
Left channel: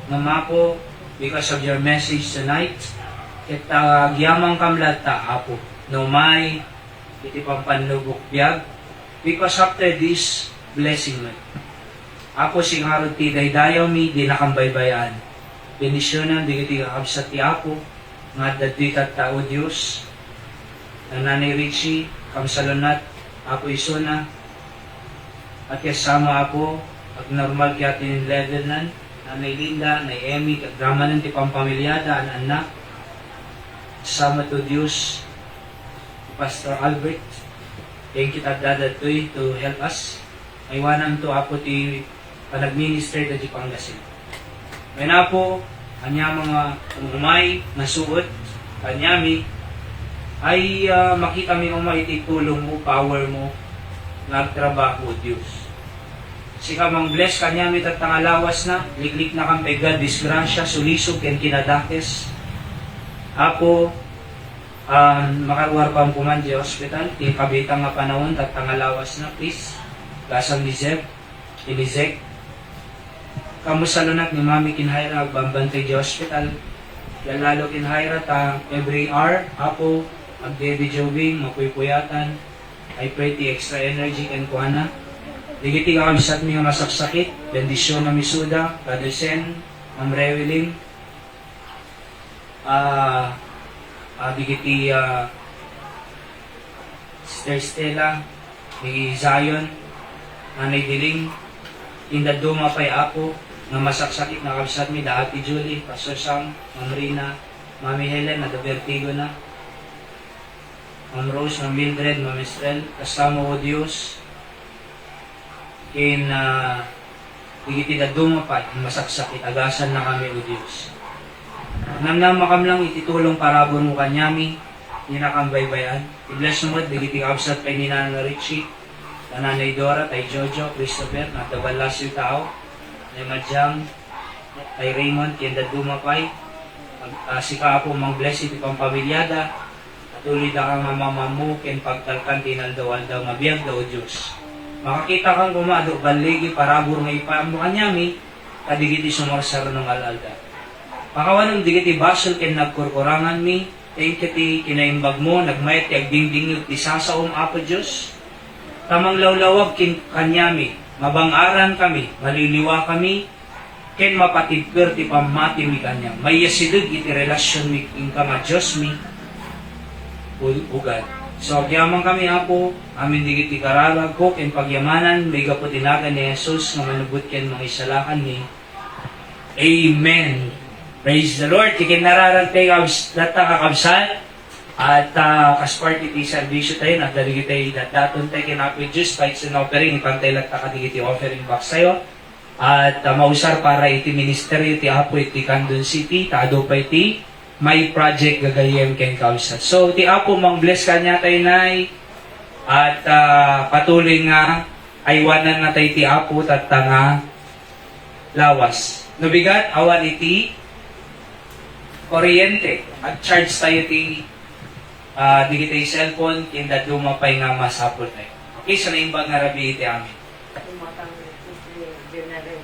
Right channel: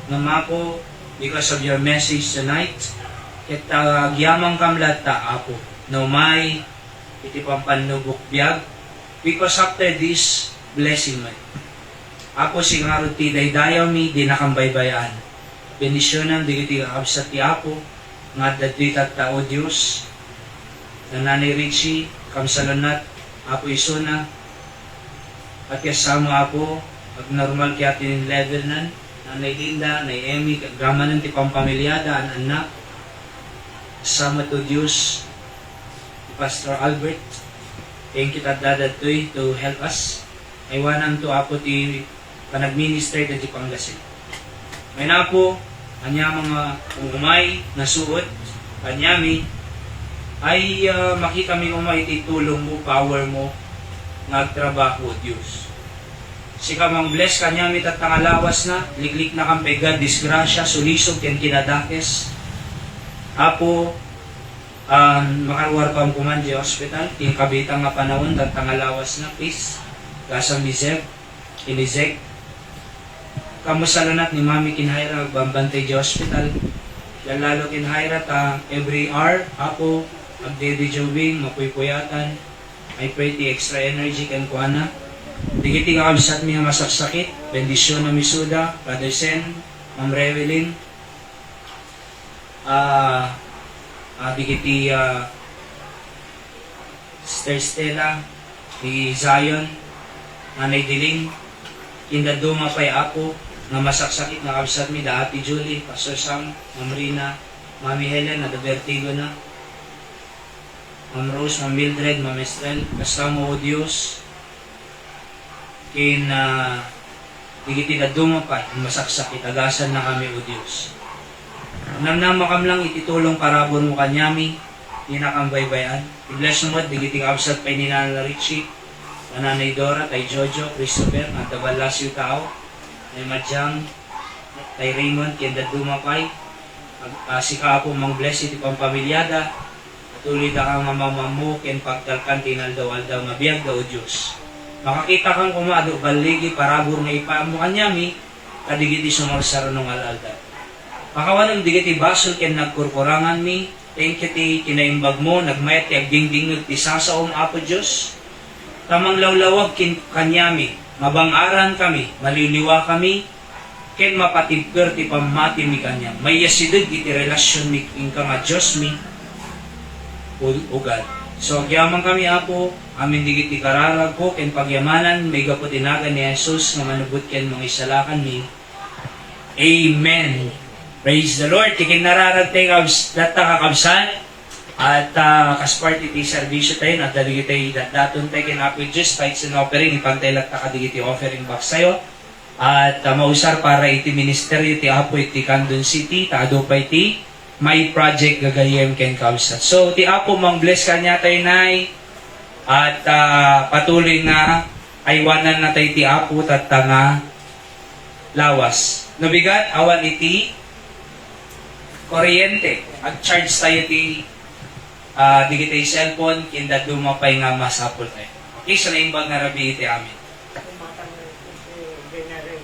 Namapo, because of your message tonight, ket gyamang kamlata apo, no may iti pampanlubok biyag, because after this blessing man, apo singaro ti daydayaw mi di nakambaybayan, benisyonan digiti kakabsat ti apo, nga dadwi kat tao Diyos, nanay Richie, kamsalunat, apo isuna, at kasama apo, at normal kaya tinin level nan, nanay Linda, nanay Emmy, gramanan ti pampamilyada, ang anak, sama to Diyos, Pastor Albert, thank you tagdadatoy to help us. Aywanan to apo ti panagminister ti Pangasinan. May na po, anya mga umay, nasuot, anyami, ay makikami umay ti tulong mo, power mo, nagtrabaho Diyos. Sika mang bless kanyami tat pangalawas na, liklik na kang pega, disgrasya, sulisog, yan kinadakes. Apo, makaruar pa ang puman di hospital, ting kabita nga panahon, tat pangalawas na, peace, lasang liseg, iniseg. Kamusalanat ni Mami Kinhaira, bambantay di hospital, lalo Kinhaira, every hour, apo, agdede jobing, mapuypuyatan, I pray ti extra energy kan kuana. Digiti ka kabisat mi nga masaksakit, bendisyon na misuda, Brother Sen, Ma'am Rewelin, digiti Sister Stella, ni Zion, Nanay Diling, Indaduma pa'y apo, na masaksakit na kabisat mi, da Ate Julie, Pastor Sam, Ma'am Rina, Mami Helen, Madabertigo na, Ma'am Rose, Ma'am Mildred, Ma'am Estrel, kasama o Diyos, kin digiti na dumapad, masaksakit, agasan na kami o Diyos. Namnama kam lang ititulong parabon mo kanyami, inakambaybayan. I-bless mo at digiti kabsat kay Ninana Richie, Nanay Dora, kay Jojo, Christopher, natabalas yung tao, kay Madjang, kay Raymond, kay Dadumapay, si Kaapo mang bless iti pampamilyada, tuloy ka nga mamamu, ken pagtalkan tinaldaw-aldaw na biyag daw Diyos. Makakita kang kumado, baligi, parabor na ipamo kanyami, kadigiti sumarsar ng alalda. Pakawanang digiti basol ken nagkurkurangan mi, thank you ti kinaimbag mo, nagmayat ti agdingdingod ti sasaom apo Diyos. Tamang lawlawag kin kanyami, mabangaran kami, maliliwa kami, ken mapatigper ti pamati mi kanya. May yasidid iti relasyon mi ka nga Diyos mi, ugad. So agyaman kami apo, amin digiti kararag ko, ken pagyamanan, may gaputinagan ni Jesus, nga manubot ken mga isalakan mi. Amen. Praise the Lord. Tikin nararagtay data kakabsan, at kasparti ti servisyo tayo, at daligitay daton tayo kinapit Diyos, kahit sinopering, ipantay lang kadigiti offering box tayo, at mausar para iti ministeryo ti apo iti Candon City, taado pa iti may project gagayem ken kausat. So, ti apo mang bless kanya tayo nay, at patuloy na aywanan na tayo ti apo at nga lawas. Nabigat, awan iti kuryente. At charge tayo ti digitay cellphone, kinda dumapay nga masapol tayo. Okay, so naimbag na rabi iti amin. Kumatang ito, general